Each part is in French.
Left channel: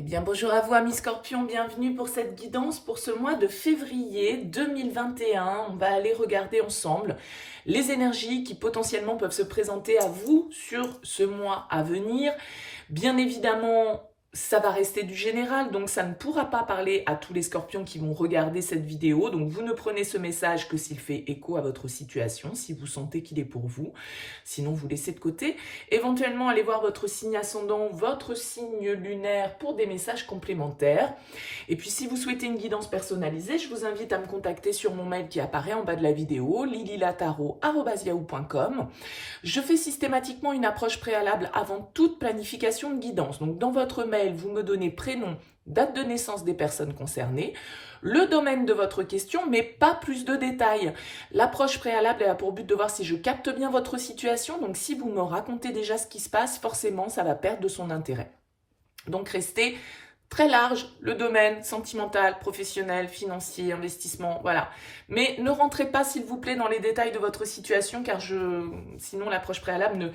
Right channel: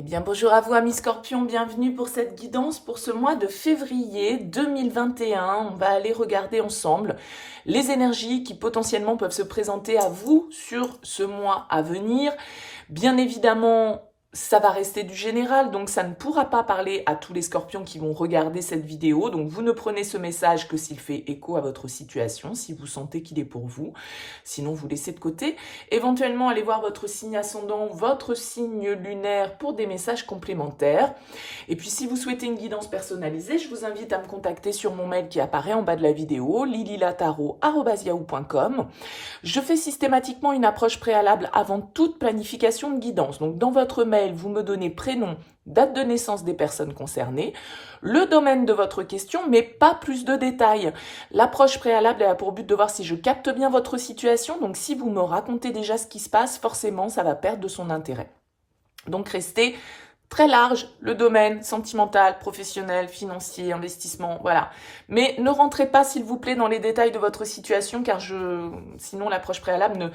Eh bien, bonjour à vous, amis Scorpions, bienvenue pour cette guidance pour ce mois de février 2021. On va aller regarder ensemble les énergies qui potentiellement peuvent se présenter à vous sur ce mois à venir. Bien évidemment, ça va rester du général, donc ça ne pourra pas parler à tous les Scorpions qui vont regarder cette vidéo. Donc vous ne prenez ce message que s'il fait écho à votre situation, si vous sentez qu'il est pour vous. Sinon, vous laissez de côté. Éventuellement, allez voir votre signe ascendant, votre signe lunaire pour des messages complémentaires. Et puis, si vous souhaitez une guidance personnalisée, je vous invite à me contacter sur mon mail qui apparaît en bas de la vidéo, lililataro@yahoo.com. Je fais systématiquement une approche préalable avant toute planification de guidance. Donc, dans votre mail, vous me donnez prénom, date de naissance des personnes concernées, le domaine de votre question, mais pas plus de détails. L'approche préalable a pour but de voir si je capte bien votre situation. Donc, si vous me racontez déjà ce qui se passe, forcément, ça va perdre de son intérêt. Donc, restez très large, le domaine sentimental, professionnel, financier, investissement, voilà. Mais ne rentrez pas, s'il vous plaît, dans les détails de votre situation, car sinon l'approche préalable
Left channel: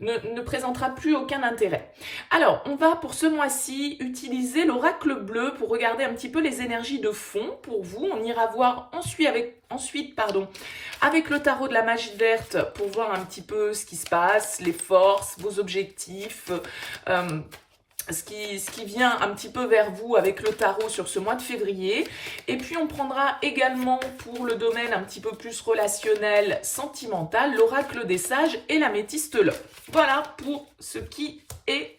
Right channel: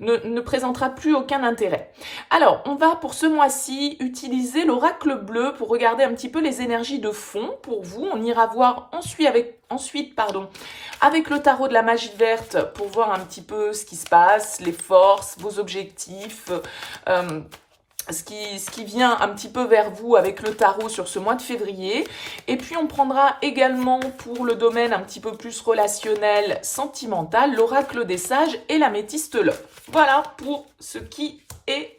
ne présentera plus aucun intérêt. Alors, on va pour ce mois-ci utiliser l'oracle bleu pour regarder un petit peu les énergies de fond pour vous. On ira voir ensuite avec le tarot de la magie verte pour voir un petit peu ce qui se passe, les forces, vos objectifs, ce qui vient un petit peu vers vous avec le tarot sur ce mois de février. Et puis, on prendra également pour le domaine un petit peu plus relationnel, sentimental, l'oracle des sages et l'améthyste l'or. Voilà pour ce qui est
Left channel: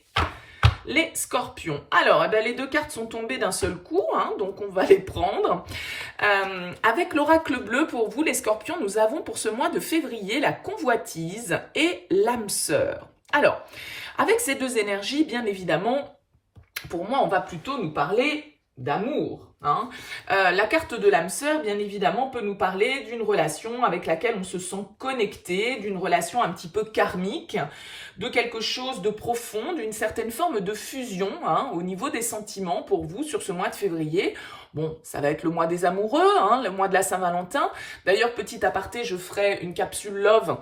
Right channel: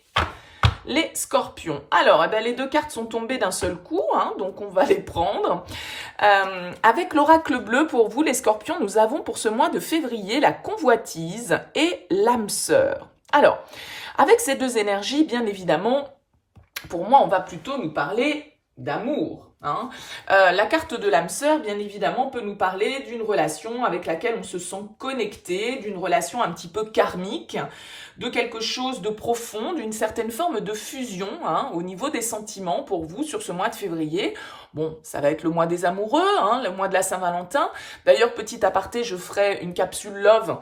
les Scorpions. Alors, les deux cartes sont tombées d'un seul coup, donc on va les prendre. Avec l'oracle bleu, pour vous, les Scorpions, nous avons pour ce mois de février la convoitise et l'âme sœur. Alors, avec ces deux énergies, bien évidemment, pour moi, on va plutôt nous parler d'amour. La carte de l'âme sœur, bien évidemment, peut nous parler d'une relation avec laquelle on se sent connecté, d'une relation un petit peu karmique, de quelque chose de profond, d'une certaine forme de fusion au niveau des sentiments pour vous sur ce mois de février. Bon, ça va être le mois des amoureux, le mois de la Saint-Valentin. D'ailleurs, petit aparté, je ferai une capsule love,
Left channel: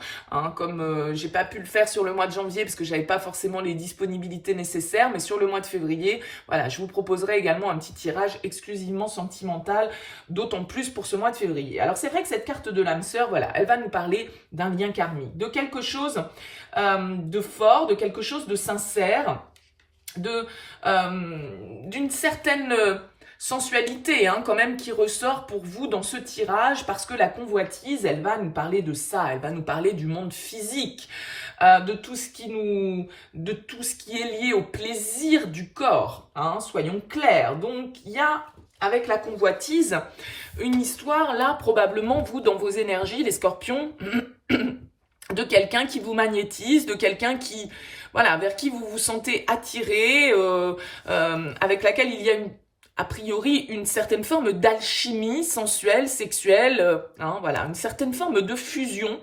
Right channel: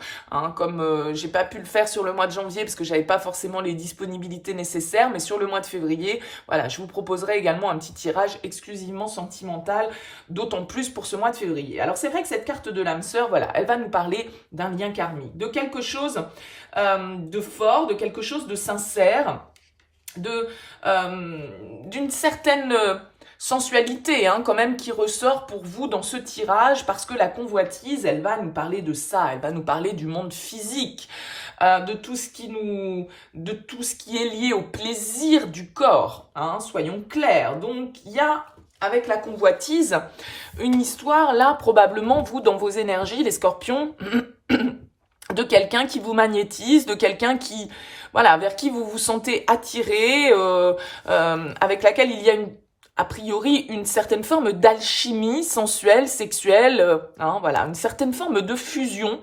comme j'ai pas pu le faire sur le mois de janvier parce que j'avais pas forcément les disponibilités nécessaires, mais sur le mois de février, voilà, je vous proposerai également un petit tirage exclusivement sentimental, d'autant plus pour ce mois de février. Alors c'est vrai que cette carte de l'âme sœur, voilà, elle va nous parler d'un lien karmique, de quelque chose de fort, de quelque chose de sincère, d'une certaine sensualité quand même qui ressort pour vous dans ce tirage, parce que la convoitise, elle va nous parler de ça, elle va nous parler du monde physique, de tout ce qui est lié au plaisir du corps, soyons clairs. Donc il y a avec la convoitise une histoire là, probablement vous dans vos énergies, les Scorpions, de quelqu'un qui vous magnétise, de quelqu'un qui, voilà, vers qui vous vous sentez attiré, avec laquelle il y a a priori une certaine forme d'alchimie sensuelle, sexuelle, voilà, une certaine forme de fusion,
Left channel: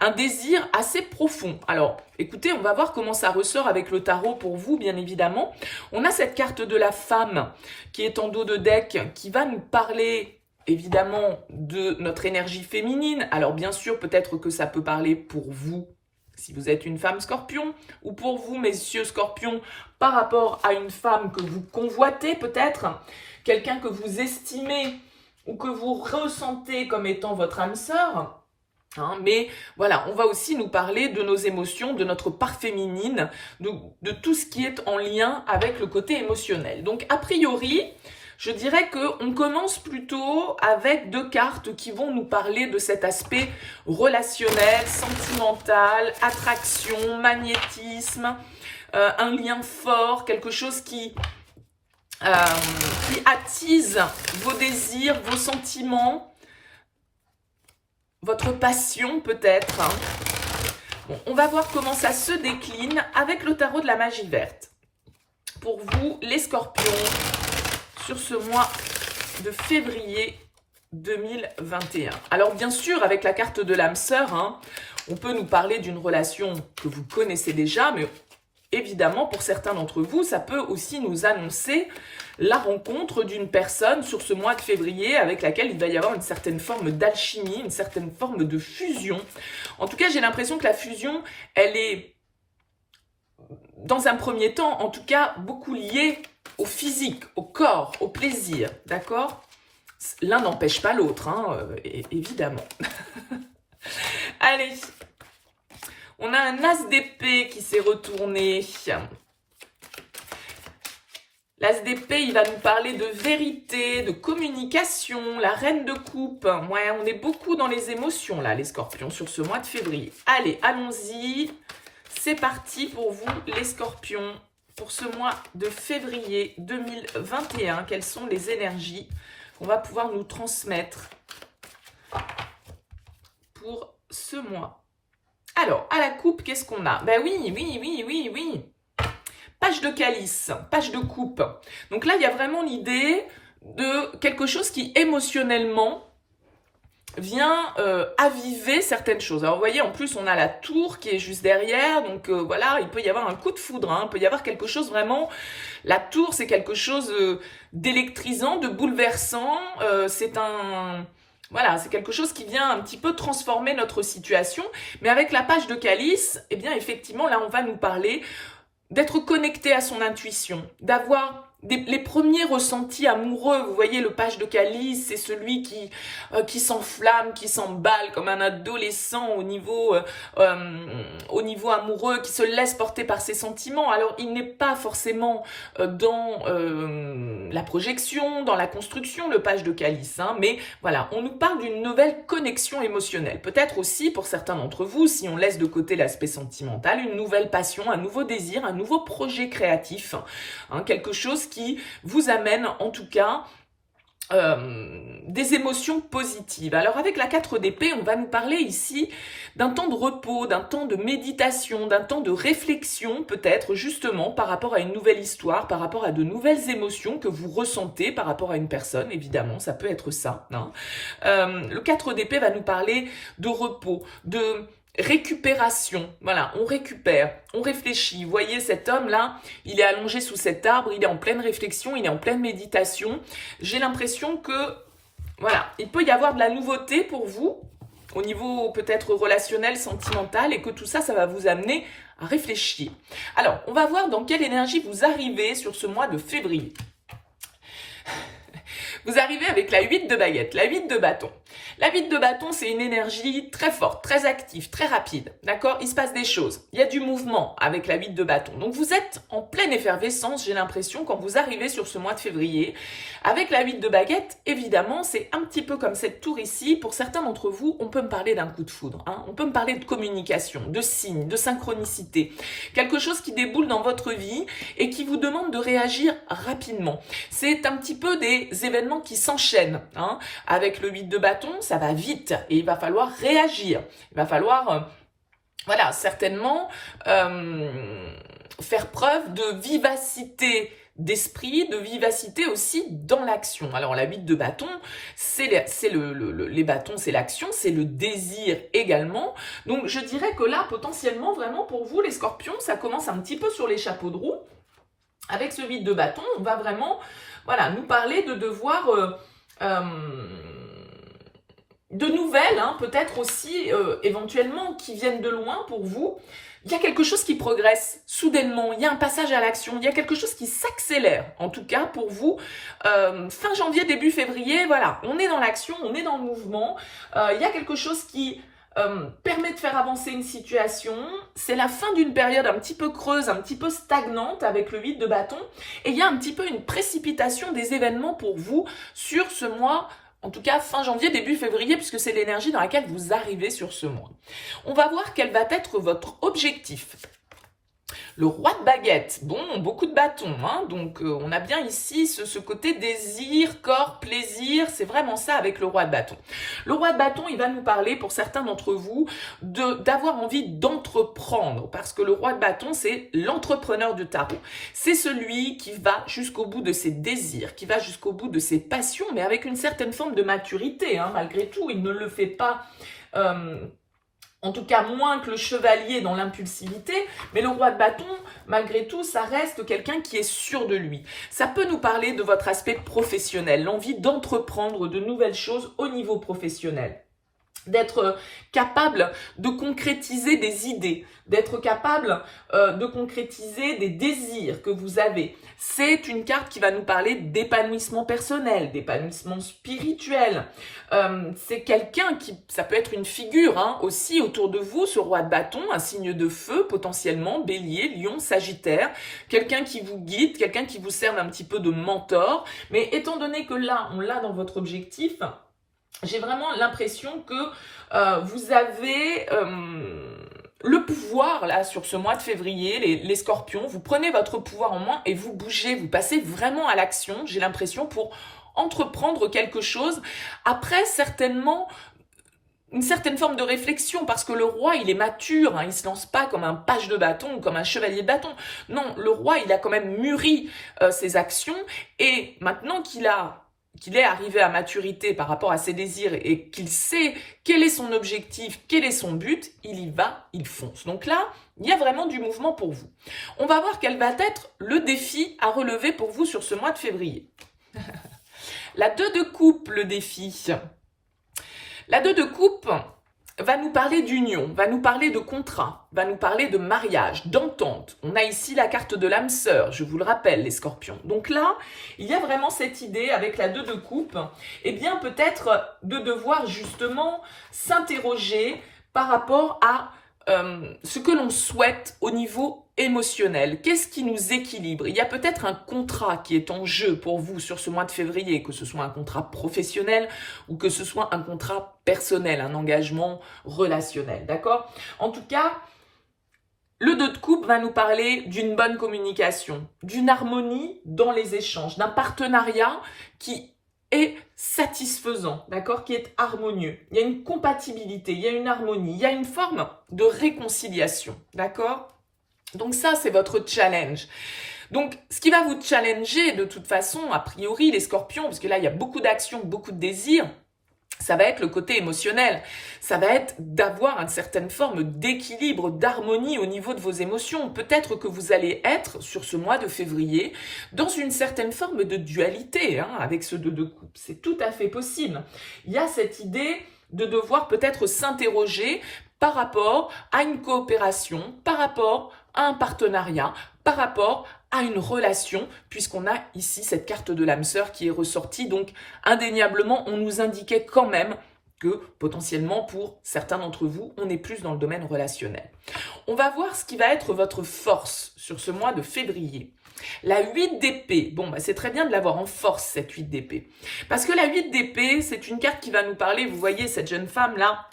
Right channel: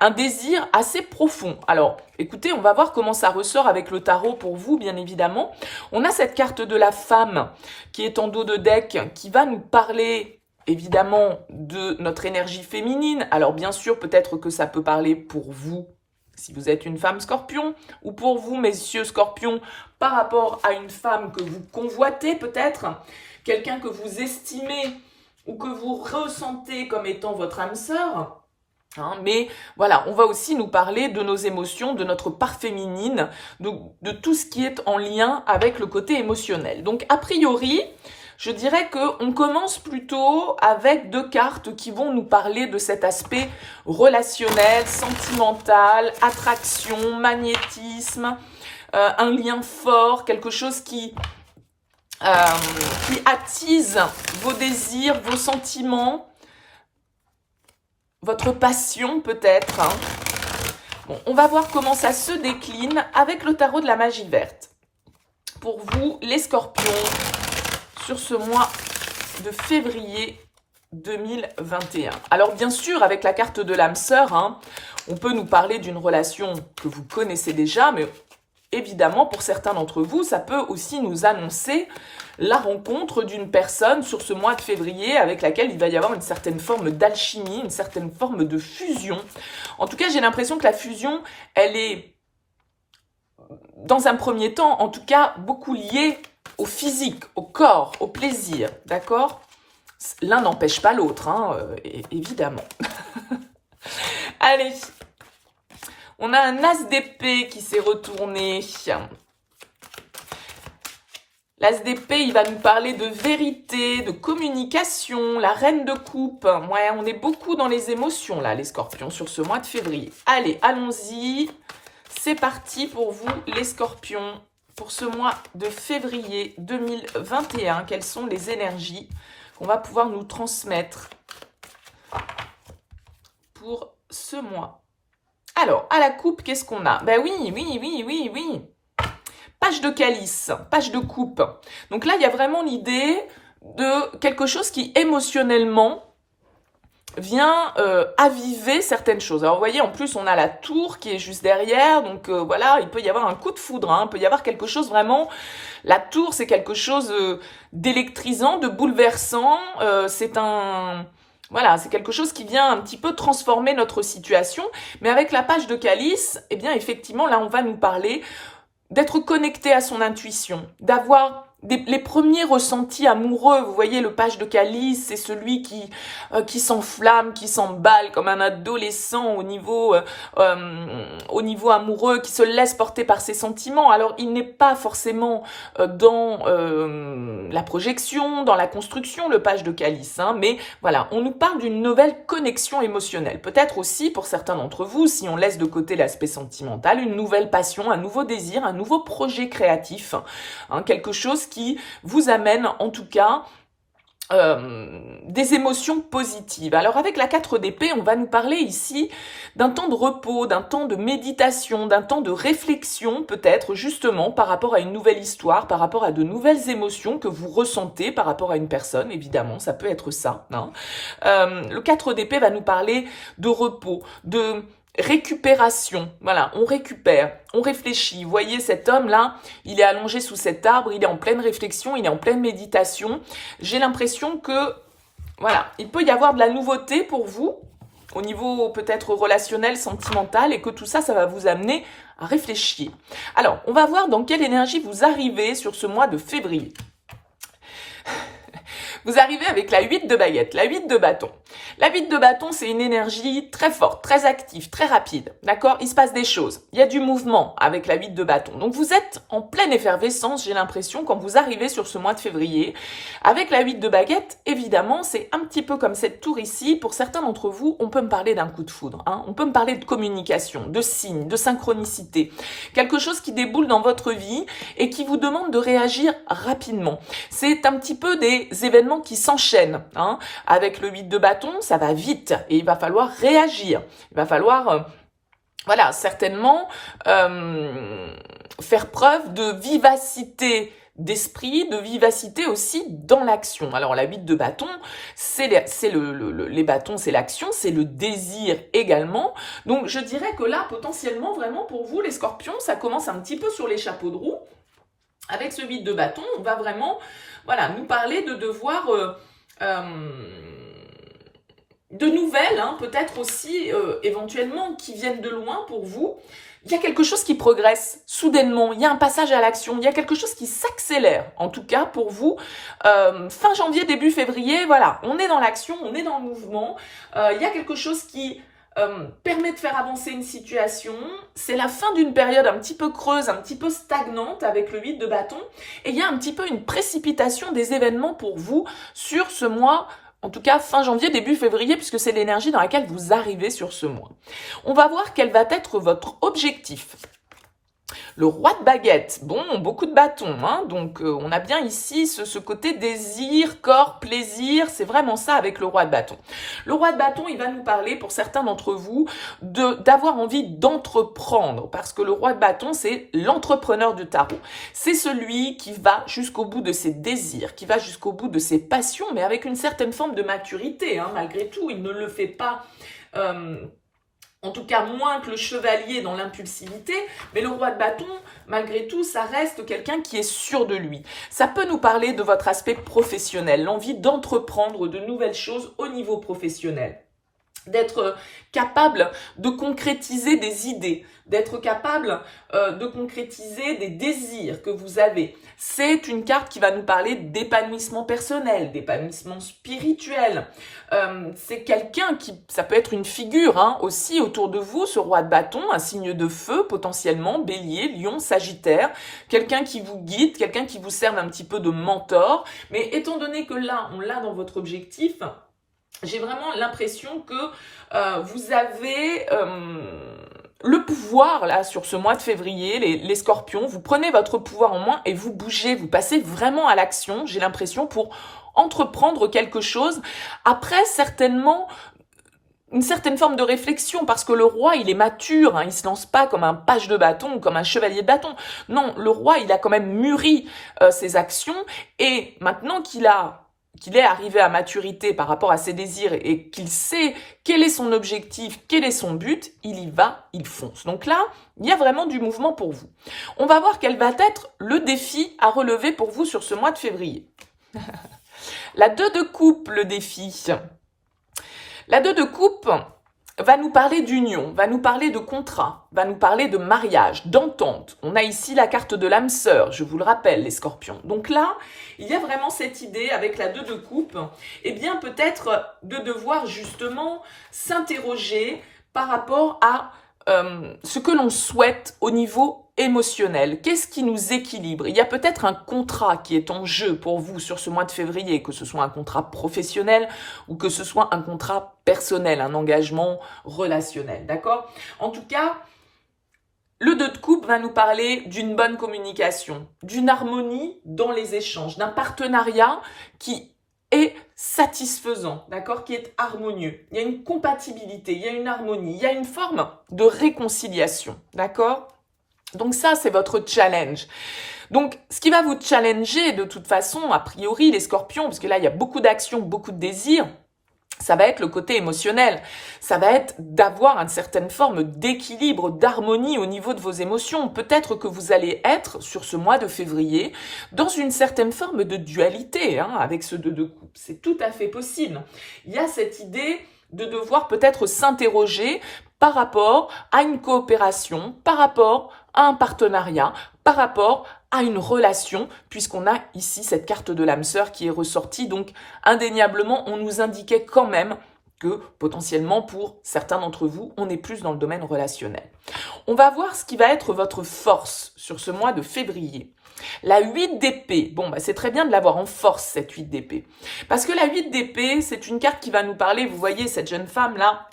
un désir assez profond. Alors, écoutez, on va voir comment ça ressort avec le tarot pour vous, bien évidemment. On a cette carte de la femme qui est en dos de deck, qui va nous parler évidemment de notre énergie féminine. Alors, bien sûr, peut-être que ça peut parler pour vous, si vous êtes une femme Scorpion, ou pour vous, messieurs Scorpions, par rapport à une femme que vous convoitez peut-être, quelqu'un que vous estimez ou que vous ressentez comme étant votre âme sœur. Mais voilà, on va aussi nous parler de nos émotions, de notre part féminine, de tout ce qui est en lien avec le côté émotionnel. Donc, a priori, je dirais qu'on commence plutôt avec deux cartes qui vont nous parler de cet aspect relationnel, sentimental, attraction, magnétisme, un lien fort, quelque chose qui attise vos désirs, vos sentiments, votre passion peut-être. Bon, on va voir comment ça se décline avec le tarot de la magie verte. Pour vous, les Scorpions, sur ce mois de février 2021. Alors bien sûr, avec la carte de l'âme sœur, on peut nous parler d'une relation que vous connaissez déjà, mais évidemment, pour certains d'entre vous, ça peut aussi nous annoncer la rencontre d'une personne sur ce mois de février avec laquelle il va y avoir une certaine forme d'alchimie, une certaine forme de fusion. En tout cas, j'ai l'impression que la fusion, elle est, dans un premier temps, en tout cas, beaucoup liée au physique, au corps, au plaisir, d'accord? L'un n'empêche pas l'autre, hein, évidemment. Allez, on a un as d'épée qui s'est retourné. L'as d'épée, il va nous parler de vérité, de communication, la reine de coupe. Ouais, on est beaucoup dans les émotions, là, les scorpions, sur ce mois de février. Allez, allons-y. C'est parti pour vous, les scorpions, pour ce mois de février 2021. Quelles sont les énergies qu'on va pouvoir nous transmettre pour ce mois? Alors, à la coupe, qu'est-ce qu'on a? Ben oui. Page de calice, page de coupe. Donc là, il y a vraiment l'idée de quelque chose qui émotionnellement vient aviver certaines choses. Alors vous voyez, en plus, on a la tour qui est juste derrière. Donc voilà, il peut y avoir un coup de foudre. Hein, il peut y avoir quelque chose vraiment... La tour, c'est quelque chose d'électrisant, de bouleversant. C'est un... Voilà, c'est quelque chose qui vient un petit peu transformer notre situation. Mais avec la page de calice, eh bien, effectivement, là, on va nous parler d'être connecté à son intuition, d'avoir les premiers ressentis amoureux. Vous voyez, le page de calice, c'est celui qui s'enflamme, qui s'emballe comme un adolescent au niveau amoureux, qui se laisse porter par ses sentiments. Alors, il n'est pas forcément dans la projection, dans la construction, le page de calice, hein, mais voilà, on nous parle d'une nouvelle connexion émotionnelle. Peut-être aussi, pour certains d'entre vous, si on laisse de côté l'aspect sentimental, une nouvelle passion, un nouveau désir, un nouveau projet créatif, hein, quelque chose qui vous amène en tout cas des émotions positives. Alors avec la 4 d'épée, on va nous parler ici d'un temps de repos, d'un temps de méditation, d'un temps de réflexion peut-être justement par rapport à une nouvelle histoire, par rapport à de nouvelles émotions que vous ressentez par rapport à une personne, évidemment, ça peut être ça. Hein. Le 4 d'épée va nous parler de repos, de récupération, voilà, on récupère, on réfléchit. Vous voyez cet homme-là, il est allongé sous cet arbre, il est en pleine réflexion, il est en pleine méditation. J'ai l'impression que, voilà, il peut y avoir de la nouveauté pour vous, au niveau peut-être relationnel, sentimental, et que tout ça, ça va vous amener à réfléchir. Alors, on va voir dans quelle énergie vous arrivez sur ce mois de février. Vous arrivez avec la 8 de baguette, la 8 de bâton. La 8 de bâton, c'est une énergie très forte, très active, très rapide. D'accord? Il se passe des choses. Il y a du mouvement avec la 8 de bâton. Donc, vous êtes en pleine effervescence, j'ai l'impression, quand vous arrivez sur ce mois de février. Avec la 8 de baguette, évidemment, c'est un petit peu comme cette tour ici. Pour certains d'entre vous, on peut me parler d'un coup de foudre. Hein? On peut me parler de communication, de signes, de synchronicité. Quelque chose qui déboule dans votre vie et qui vous demande de réagir rapidement. C'est un petit peu des événements qui s'enchaînent. Hein? Avec le 8 de bâton, ça va vite et il va falloir réagir. Il va falloir, voilà, certainement faire preuve de vivacité d'esprit, de vivacité aussi dans l'action. Alors la 8 de bâton, les bâtons, c'est l'action, c'est le désir également. Donc je dirais que là, potentiellement, vraiment pour vous, les scorpions, ça commence un petit peu sur les chapeaux de roue. Avec ce 8 de bâton, on va vraiment, voilà, nous parler de devoir... de nouvelles, hein, peut-être aussi éventuellement qui viennent de loin pour vous. Il y a quelque chose qui progresse soudainement, il y a un passage à l'action, il y a quelque chose qui s'accélère, en tout cas pour vous. Fin janvier, début février, voilà, on est dans l'action, on est dans le mouvement. Il y a quelque chose qui permet de faire avancer une situation. C'est la fin d'une période un petit peu creuse, un petit peu stagnante avec le 8 de bâton. Et il y a un petit peu une précipitation des événements pour vous sur ce mois. En tout cas, fin janvier, début février, puisque c'est l'énergie dans laquelle vous arrivez sur ce mois. On va voir quel va être votre objectif. Le roi de baguette, bon, beaucoup de bâtons, hein, donc on a bien ici ce côté désir, corps, plaisir, c'est vraiment ça avec le roi de bâton. Le roi de bâton, il va nous parler, pour certains d'entre vous, d'avoir envie d'entreprendre, parce que le roi de bâton, c'est l'entrepreneur du tarot. C'est celui qui va jusqu'au bout de ses désirs, qui va jusqu'au bout de ses passions, mais avec une certaine forme de maturité, hein, malgré tout, il ne le fait pas... en tout cas moins que le chevalier dans l'impulsivité, mais le roi de bâton, malgré tout, ça reste quelqu'un qui est sûr de lui. Ça peut nous parler de votre aspect professionnel, l'envie d'entreprendre de nouvelles choses au niveau professionnel. d'être capable de concrétiser des idées, d'être capable de concrétiser des désirs que vous avez. C'est une carte qui va nous parler d'épanouissement personnel, d'épanouissement spirituel. C'est quelqu'un qui, ça peut être une figure hein, aussi autour de vous, ce roi de bâton, un signe de feu potentiellement, bélier, lion, sagittaire, quelqu'un qui vous guide, quelqu'un qui vous serve un petit peu de mentor. Mais étant donné que là, on l'a dans votre objectif, j'ai vraiment l'impression que vous avez le pouvoir là sur ce mois de février, les scorpions, vous prenez votre pouvoir en main et vous bougez, vous passez vraiment à l'action, j'ai l'impression, pour entreprendre quelque chose. Après, certainement, une certaine forme de réflexion, parce que le roi, il est mature, hein, il se lance pas comme un page de bâton ou comme un chevalier de bâton. Non, le roi, il a quand même mûri ses actions, et maintenant qu'il est arrivé à maturité par rapport à ses désirs et qu'il sait quel est son objectif, quel est son but, il y va, il fonce. Donc là, il y a vraiment du mouvement pour vous. On va voir quel va être le défi à relever pour vous sur ce mois de février. La 2 de coupe, le défi. La 2 de coupe va nous parler d'union, va nous parler de contrat, va nous parler de mariage, d'entente. On a ici la carte de l'âme sœur, je vous le rappelle, les scorpions. Donc là, il y a vraiment cette idée avec la 2 de coupe, eh bien peut-être de devoir justement s'interroger par rapport à ce que l'on souhaite au niveau émotionnel. Qu'est-ce qui nous équilibre? Il y a peut-être un contrat qui est en jeu pour vous sur ce mois de février, que ce soit un contrat professionnel ou que ce soit un contrat personnel, un engagement relationnel, d'accord? En tout cas, le 2 de coupe va nous parler d'une bonne communication, d'une harmonie dans les échanges, d'un partenariat qui est satisfaisant, d'accord, qui est harmonieux. Il y a une compatibilité, il y a une harmonie, il y a une forme de réconciliation, d'accord? Donc ça, c'est votre challenge. Donc, ce qui va vous challenger de toute façon, a priori, les scorpions, parce que là, il y a beaucoup d'actions, beaucoup de désirs, ça va être le côté émotionnel. Ça va être d'avoir une certaine forme d'équilibre, d'harmonie au niveau de vos émotions. Peut-être que vous allez être, sur ce mois de février, dans une certaine forme de dualité hein, avec ce 2 de coupe. C'est tout à fait possible. Il y a cette idée de devoir peut-être s'interroger par rapport à une coopération, par rapport à un partenariat, par rapport à une relation, puisqu'on a ici cette carte de l'âme sœur qui est ressortie. Donc, indéniablement, on nous indiquait quand même que, potentiellement, pour certains d'entre vous, on est plus dans le domaine relationnel. On va voir ce qui va être votre force sur ce mois de février. La 8 d'épée, bon, bah, c'est très bien de l'avoir en force, cette 8 d'épée. Parce que la 8 d'épée, c'est une carte qui va nous parler, vous voyez, cette jeune femme-là,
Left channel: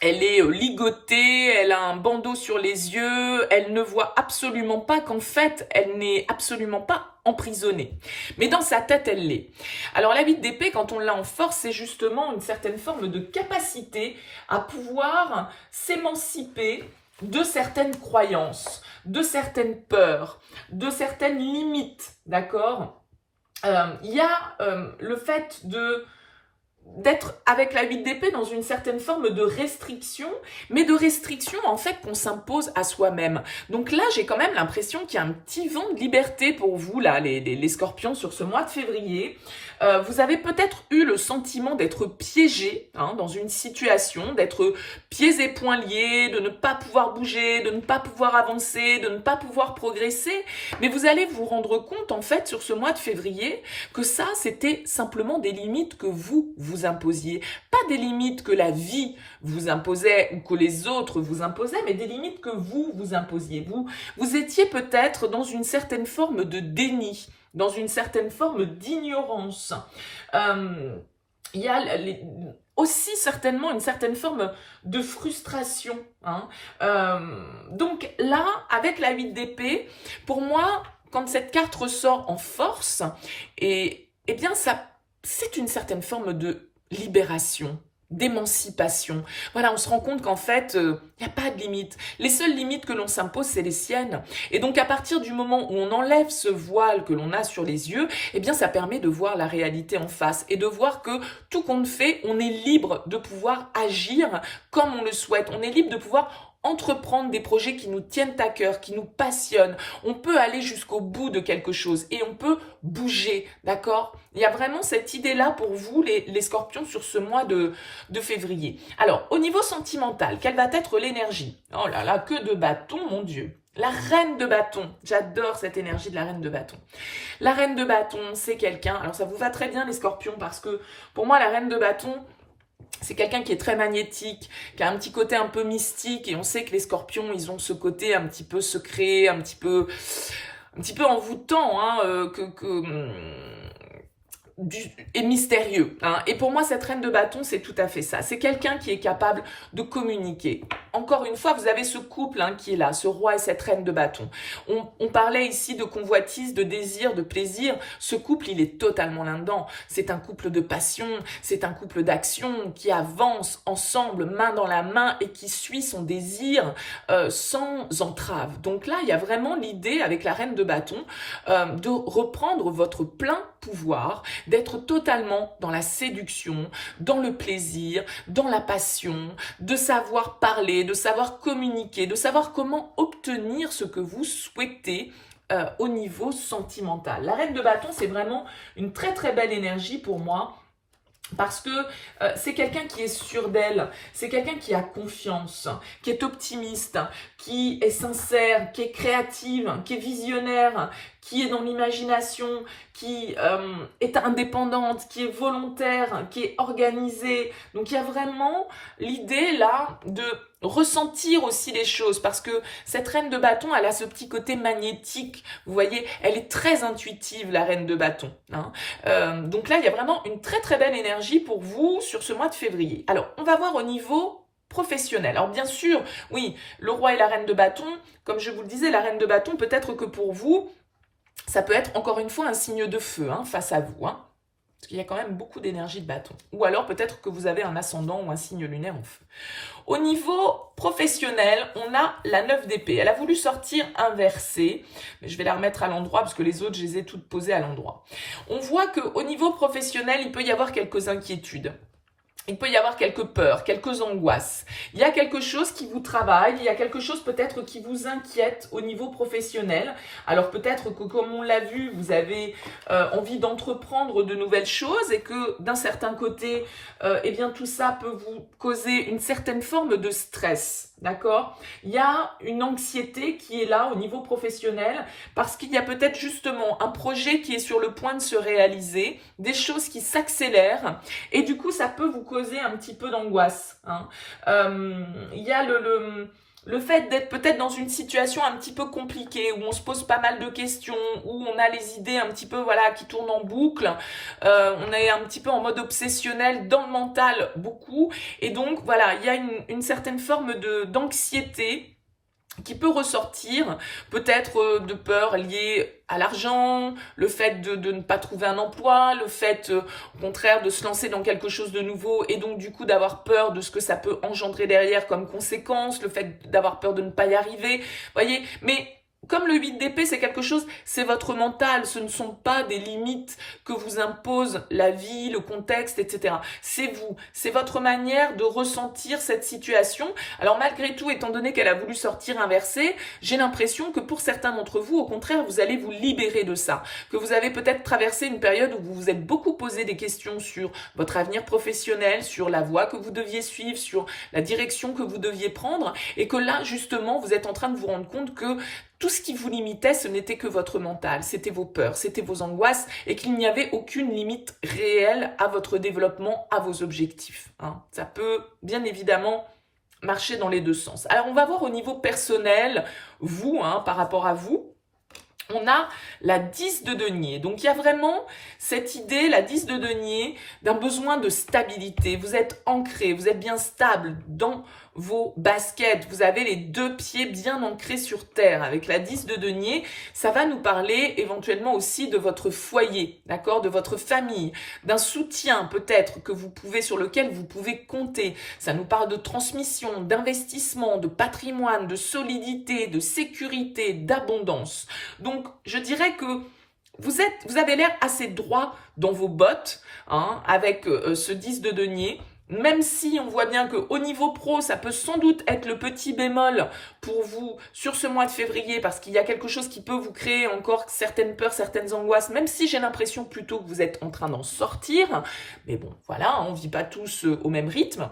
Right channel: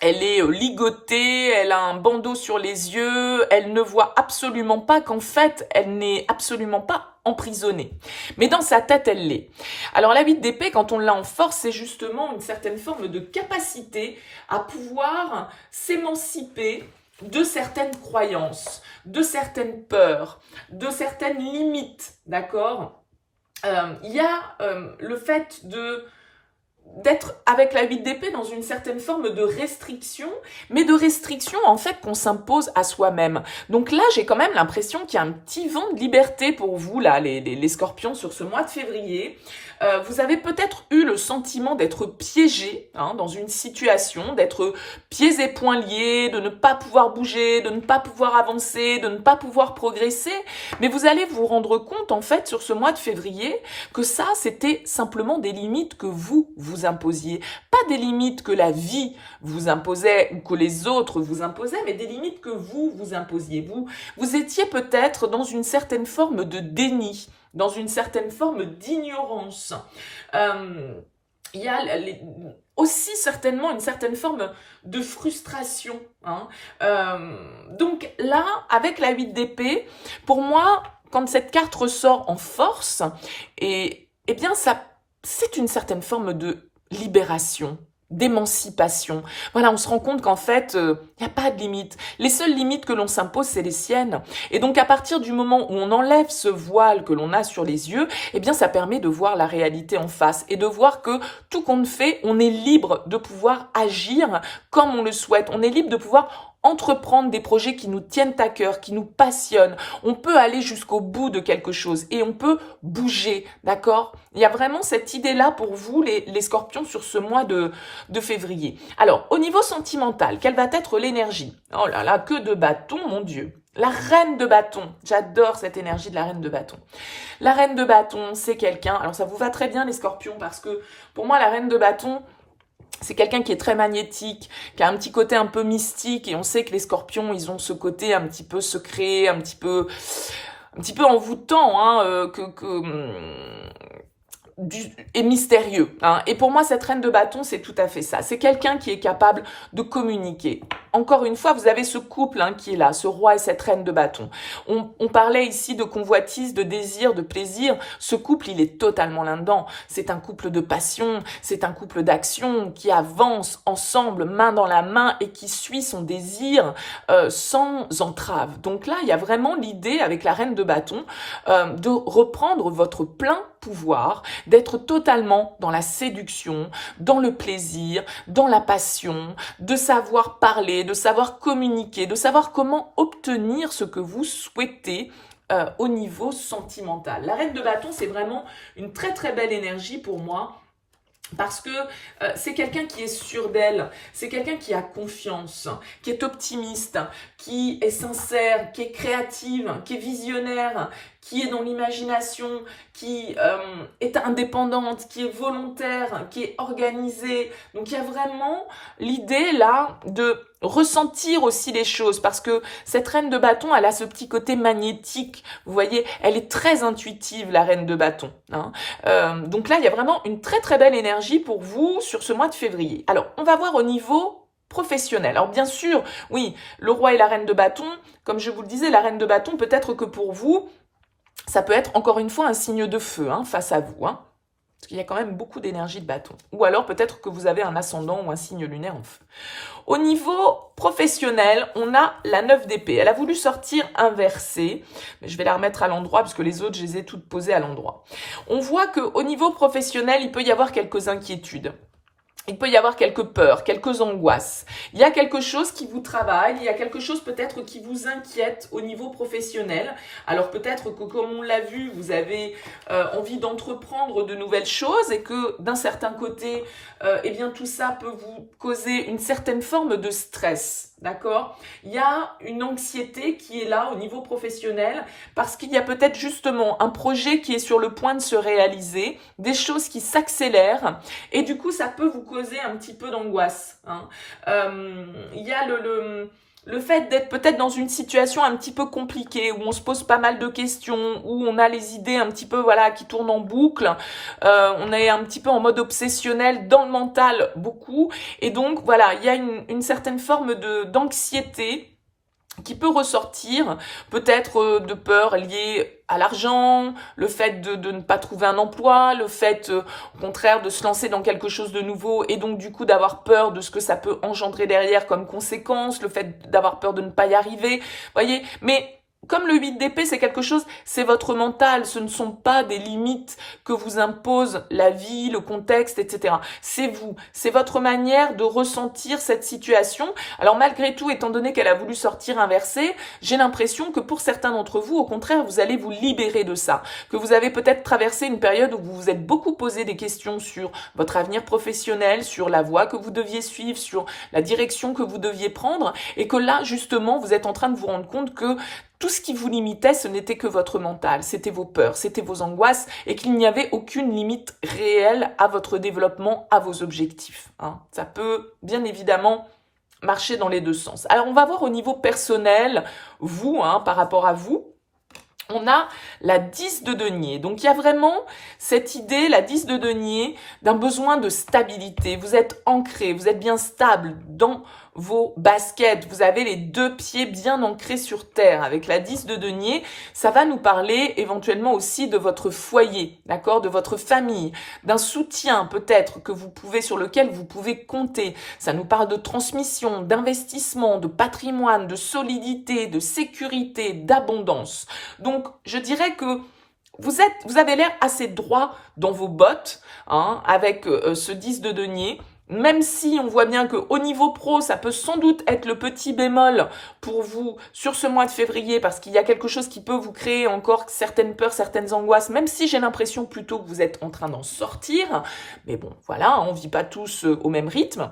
elle est ligotée, elle a un bandeau sur les yeux, elle ne voit absolument pas qu'en fait, elle n'est absolument pas emprisonnée. Mais dans sa tête, elle l'est. Alors la 8 d'épée, quand on l'a en force, c'est justement une certaine forme de capacité à pouvoir s'émanciper de certaines croyances, de certaines peurs, de certaines limites, d'accord? Il y a le fait d'être avec la 8 d'épée dans une certaine forme de restriction, mais de restriction en fait qu'on s'impose à soi-même. Donc là, j'ai quand même l'impression qu'il y a un petit vent de liberté pour vous, là, les scorpions, sur ce mois de février. Vous avez peut-être eu le sentiment d'être piégé hein, dans une situation, d'être pieds et poings liés, de ne pas pouvoir bouger, de ne pas pouvoir avancer, de ne pas pouvoir progresser. Mais vous allez vous rendre compte, en fait, sur ce mois de février, que ça, c'était simplement des limites que vous imposiez. Pas des limites que la vie vous imposait ou que les autres vous imposaient, mais des limites que vous imposiez. Vous étiez peut-être dans une certaine forme de déni, dans une certaine forme d'ignorance. Il y a aussi certainement une certaine forme de frustration. Hein. Donc là, avec la 8 d'épée, pour moi, quand cette carte ressort en force, eh bien, c'est une certaine forme de libération, d'émancipation. Voilà, on se rend compte qu'en fait, il n'y a pas de limite. Les seules limites que l'on s'impose, c'est les siennes. Et donc, à partir du moment où on enlève ce voile que l'on a sur les yeux, eh bien, ça permet de voir la réalité en face et de voir que tout compte fait, on est libre de pouvoir agir comme on le souhaite. On est libre de pouvoir entreprendre des projets qui nous tiennent à cœur, qui nous passionnent. On peut aller jusqu'au bout de quelque chose et on peut bouger, d'accord? Il y a vraiment cette idée-là pour vous, les scorpions, sur ce mois de février. Alors, au niveau sentimental, quelle va être l'énergie? Oh là là, que de bâtons, mon Dieu! La reine de bâton, j'adore cette énergie de la reine de bâton. La reine de bâton, c'est quelqu'un, alors ça vous va très bien les scorpions, parce que pour moi, la reine de bâton, c'est quelqu'un qui est très magnétique, qui a un petit côté un peu mystique, et on sait que les scorpions, ils ont ce côté un petit peu secret, un petit peu envoûtant, hein, et mystérieux. Hein. Et pour moi, cette reine de bâton, c'est tout à fait ça. C'est quelqu'un qui est capable de communiquer. Encore une fois, vous avez ce couple qui est là, ce roi et cette reine de bâton. On parlait ici de convoitise, de désir, de plaisir. Ce couple, il est totalement là-dedans. C'est un couple de passion, c'est un couple d'action qui avance ensemble, main dans la main, et qui suit son désir sans entrave. Donc là, il y a vraiment l'idée, avec la reine de bâton, de reprendre votre plein pouvoir, d'être totalement dans la séduction, dans le plaisir, dans la passion, de savoir parler, de savoir communiquer, de savoir comment obtenir ce que vous souhaitez au niveau sentimental. La reine de bâton, c'est vraiment une très très belle énergie pour moi. Parce que c'est quelqu'un qui est sûr d'elle, c'est quelqu'un qui a confiance, qui est optimiste, qui est sincère, qui est créative, qui est visionnaire, qui est dans l'imagination, qui est indépendante, qui est volontaire, qui est organisée. Donc il y a vraiment l'idée là de ressentir aussi les choses, parce que cette reine de bâton, elle a ce petit côté magnétique, vous voyez, elle est très intuitive, la reine de bâton. Hein. Donc là, il y a vraiment une très très belle énergie pour vous sur ce mois de février. Alors, on va voir au niveau professionnel. Alors bien sûr, oui, le roi et la reine de bâton, comme je vous le disais, la reine de bâton, peut-être que pour vous, ça peut être encore une fois un signe de feu face à vous. Hein. Parce qu'il y a quand même beaucoup d'énergie de bâton. Ou alors peut-être que vous avez un ascendant ou un signe lunaire en feu. Au niveau professionnel, on a la 9 d'épée. Elle a voulu sortir inversée. Mais je vais la remettre à l'endroit parce que les autres, je les ai toutes posées à l'endroit. On voit qu'au niveau professionnel, il peut y avoir quelques inquiétudes. Il peut y avoir quelques peurs, quelques angoisses. Il y a quelque chose qui vous travaille, il y a quelque chose peut-être qui vous inquiète au niveau professionnel. Alors peut-être que, comme on l'a vu, vous avez envie d'entreprendre de nouvelles choses et que d'un certain côté, eh bien tout ça peut vous causer une certaine forme de stress. D'accord? Il y a une anxiété qui est là au niveau professionnel parce qu'il y a peut-être justement un projet qui est sur le point de se réaliser, des choses qui s'accélèrent et du coup ça peut vous causer un petit peu d'angoisse. Hein. Il y a le fait d'être peut-être dans une situation un petit peu compliquée, où on se pose pas mal de questions, où on a les idées un petit peu qui tournent en boucle, on est un petit peu en mode obsessionnel dans le mental beaucoup, et donc voilà, il y a une certaine forme d'anxiété qui peut ressortir, peut-être de peur liée à l'argent, le fait de ne pas trouver un emploi, le fait au contraire de se lancer dans quelque chose de nouveau et donc du coup d'avoir peur de ce que ça peut engendrer derrière comme conséquence, le fait d'avoir peur de ne pas y arriver, voyez, mais comme le 8 d'épée, c'est quelque chose, c'est votre mental, ce ne sont pas des limites que vous impose la vie, le contexte, etc. C'est vous, c'est votre manière de ressentir cette situation. Alors malgré tout, étant donné qu'elle a voulu sortir inversée, j'ai l'impression que pour certains d'entre vous, au contraire, vous allez vous libérer de ça. Que vous avez peut-être traversé une période où vous vous êtes beaucoup posé des questions sur votre avenir professionnel, sur la voie que vous deviez suivre, sur la direction que vous deviez prendre, et que là, justement, vous êtes en train de vous rendre compte que tout ce qui vous limitait, ce n'était que votre mental, c'était vos peurs, c'était vos angoisses et qu'il n'y avait aucune limite réelle à votre développement, à vos objectifs. Hein. Ça peut bien évidemment marcher dans les deux sens. Alors on va voir au niveau personnel, vous, par rapport à vous, on a la 10 de denier. Donc il y a vraiment cette idée, la 10 de denier, d'un besoin de stabilité. Vous êtes ancré, vous êtes bien stable dans vos baskets, vous avez les deux pieds bien ancrés sur terre. Avec la 10 de denier, ça va nous parler éventuellement aussi de votre foyer, d'accord, de votre famille, d'un soutien peut-être sur lequel vous pouvez compter. Ça nous parle de transmission, d'investissement, de patrimoine, de solidité, de sécurité, d'abondance. Donc, je dirais que vous avez l'air assez droit dans vos bottes, avec ce 10 de denier. Même si on voit bien qu'au niveau pro, ça peut sans doute être le petit bémol pour vous sur ce mois de février, parce qu'il y a quelque chose qui peut vous créer encore certaines peurs, certaines angoisses, même si j'ai l'impression plutôt que vous êtes en train d'en sortir. Mais bon, voilà, on ne vit pas tous au même rythme.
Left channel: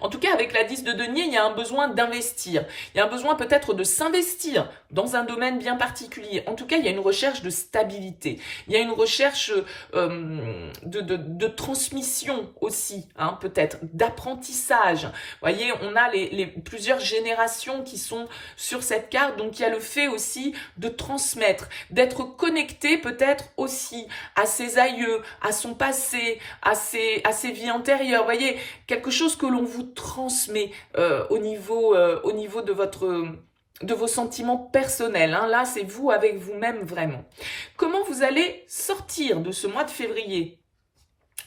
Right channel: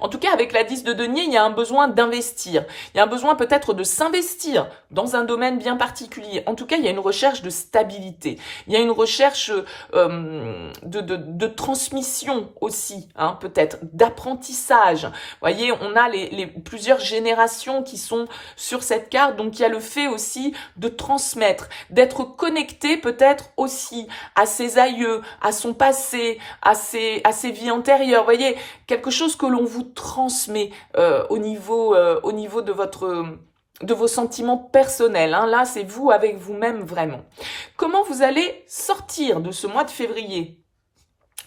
En tout cas, avec la 10 de denier, il y a un besoin d'investir. Il y a un besoin peut-être de s'investir dans un domaine bien particulier. En tout cas, il y a une recherche de stabilité. Il y a une recherche de transmission aussi, hein, peut-être, d'apprentissage. Vous voyez, on a plusieurs générations qui sont sur cette carte. Donc, il y a le fait aussi de transmettre, d'être connecté peut-être aussi à ses aïeux, à son passé, à ses vies antérieures. Vous voyez, quelque chose que l'on vous transmet au niveau de vos sentiments personnels. Hein. Là, c'est vous avec vous-même vraiment. Comment vous allez sortir de ce mois de février ?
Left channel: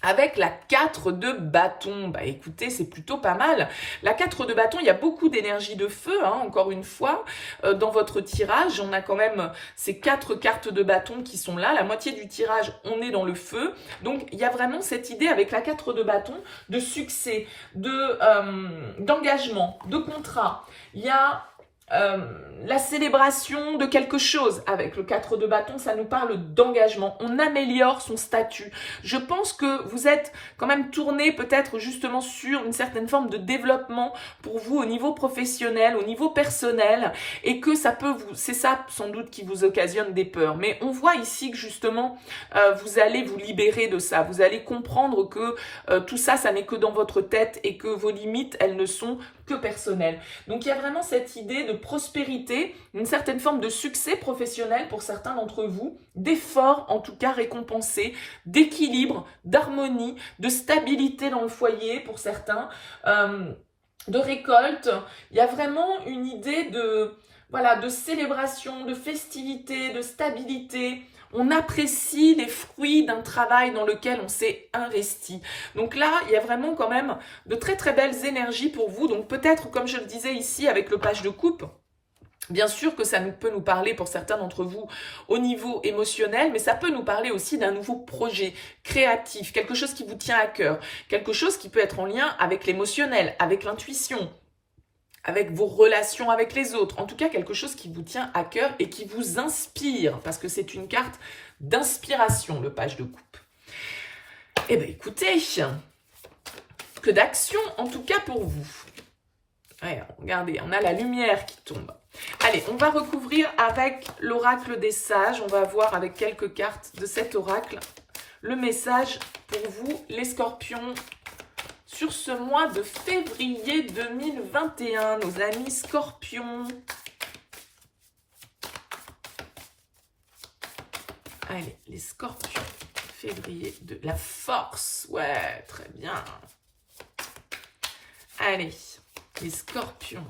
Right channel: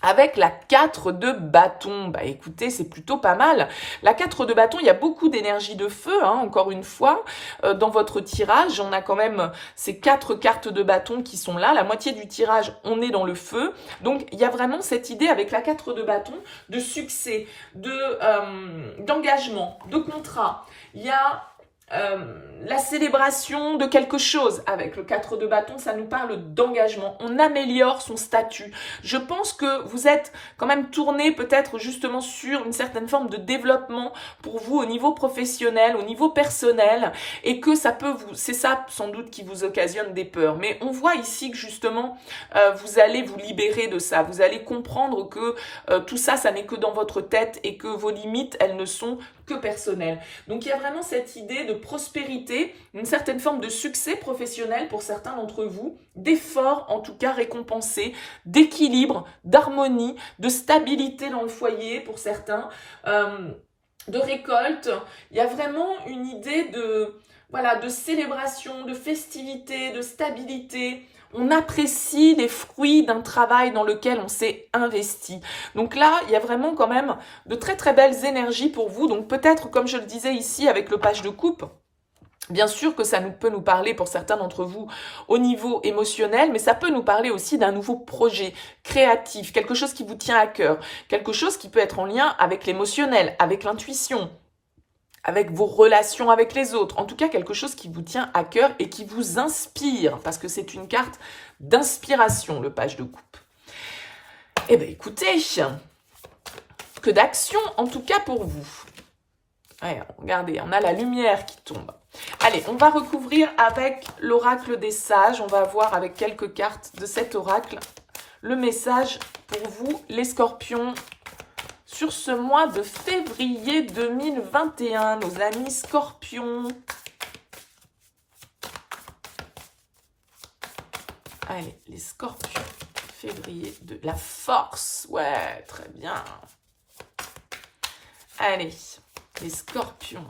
Avec la 4 de bâton, bah écoutez, c'est plutôt pas mal. La 4 de bâton, il y a beaucoup d'énergie de feu, hein, encore une fois, dans votre tirage. On a quand même ces 4 cartes de bâton qui sont là. La moitié du tirage, on est dans le feu. Donc, il y a vraiment cette idée avec la 4 de bâton de succès, d'engagement, de contrat. Il y a la célébration de quelque chose. Avec le 4 de bâton, ça nous parle d'engagement. On améliore son statut. Je pense que vous êtes quand même tourné peut-être justement sur une certaine forme de développement pour vous au niveau professionnel, au niveau personnel, et que ça peut vous, c'est ça sans doute qui vous occasionne des peurs. Mais on voit ici que justement vous allez vous libérer de ça. Vous allez comprendre que tout ça, ça n'est que dans votre tête et que vos limites, elles ne sont que personnelles. Donc il y a vraiment cette idée de prospérité, une certaine forme de succès professionnel pour certains d'entre vous, d'efforts en tout cas récompensés, d'équilibre, d'harmonie, de stabilité dans le foyer pour certains, de récolte. Il y a vraiment une idée de célébration, de festivité, de stabilité. On apprécie les fruits d'un travail dans lequel on s'est investi. Donc là, il y a vraiment quand même de très très belles énergies pour vous. Donc peut-être, comme je le disais ici avec le page de coupe, bien sûr que ça peut nous parler pour certains d'entre vous au niveau émotionnel, mais ça peut nous parler aussi d'un nouveau projet créatif, quelque chose qui vous tient à cœur, quelque chose qui peut être en lien avec l'émotionnel, avec l'intuition, avec vos relations avec les autres. En tout cas, quelque chose qui vous tient à cœur et qui vous inspire, parce que c'est une carte d'inspiration, le page de coupe. Eh bien, écoutez, que d'action, en tout cas pour vous. Ouais, regardez, on a la lumière qui tombe. Allez, on va recouvrir avec l'oracle des sages. On va voir avec quelques cartes de cet oracle le message pour vous, les scorpions, sur ce mois de février 2021, nos amis scorpions. Allez, les scorpions, février de la force. Ouais, très bien. Allez, les scorpions.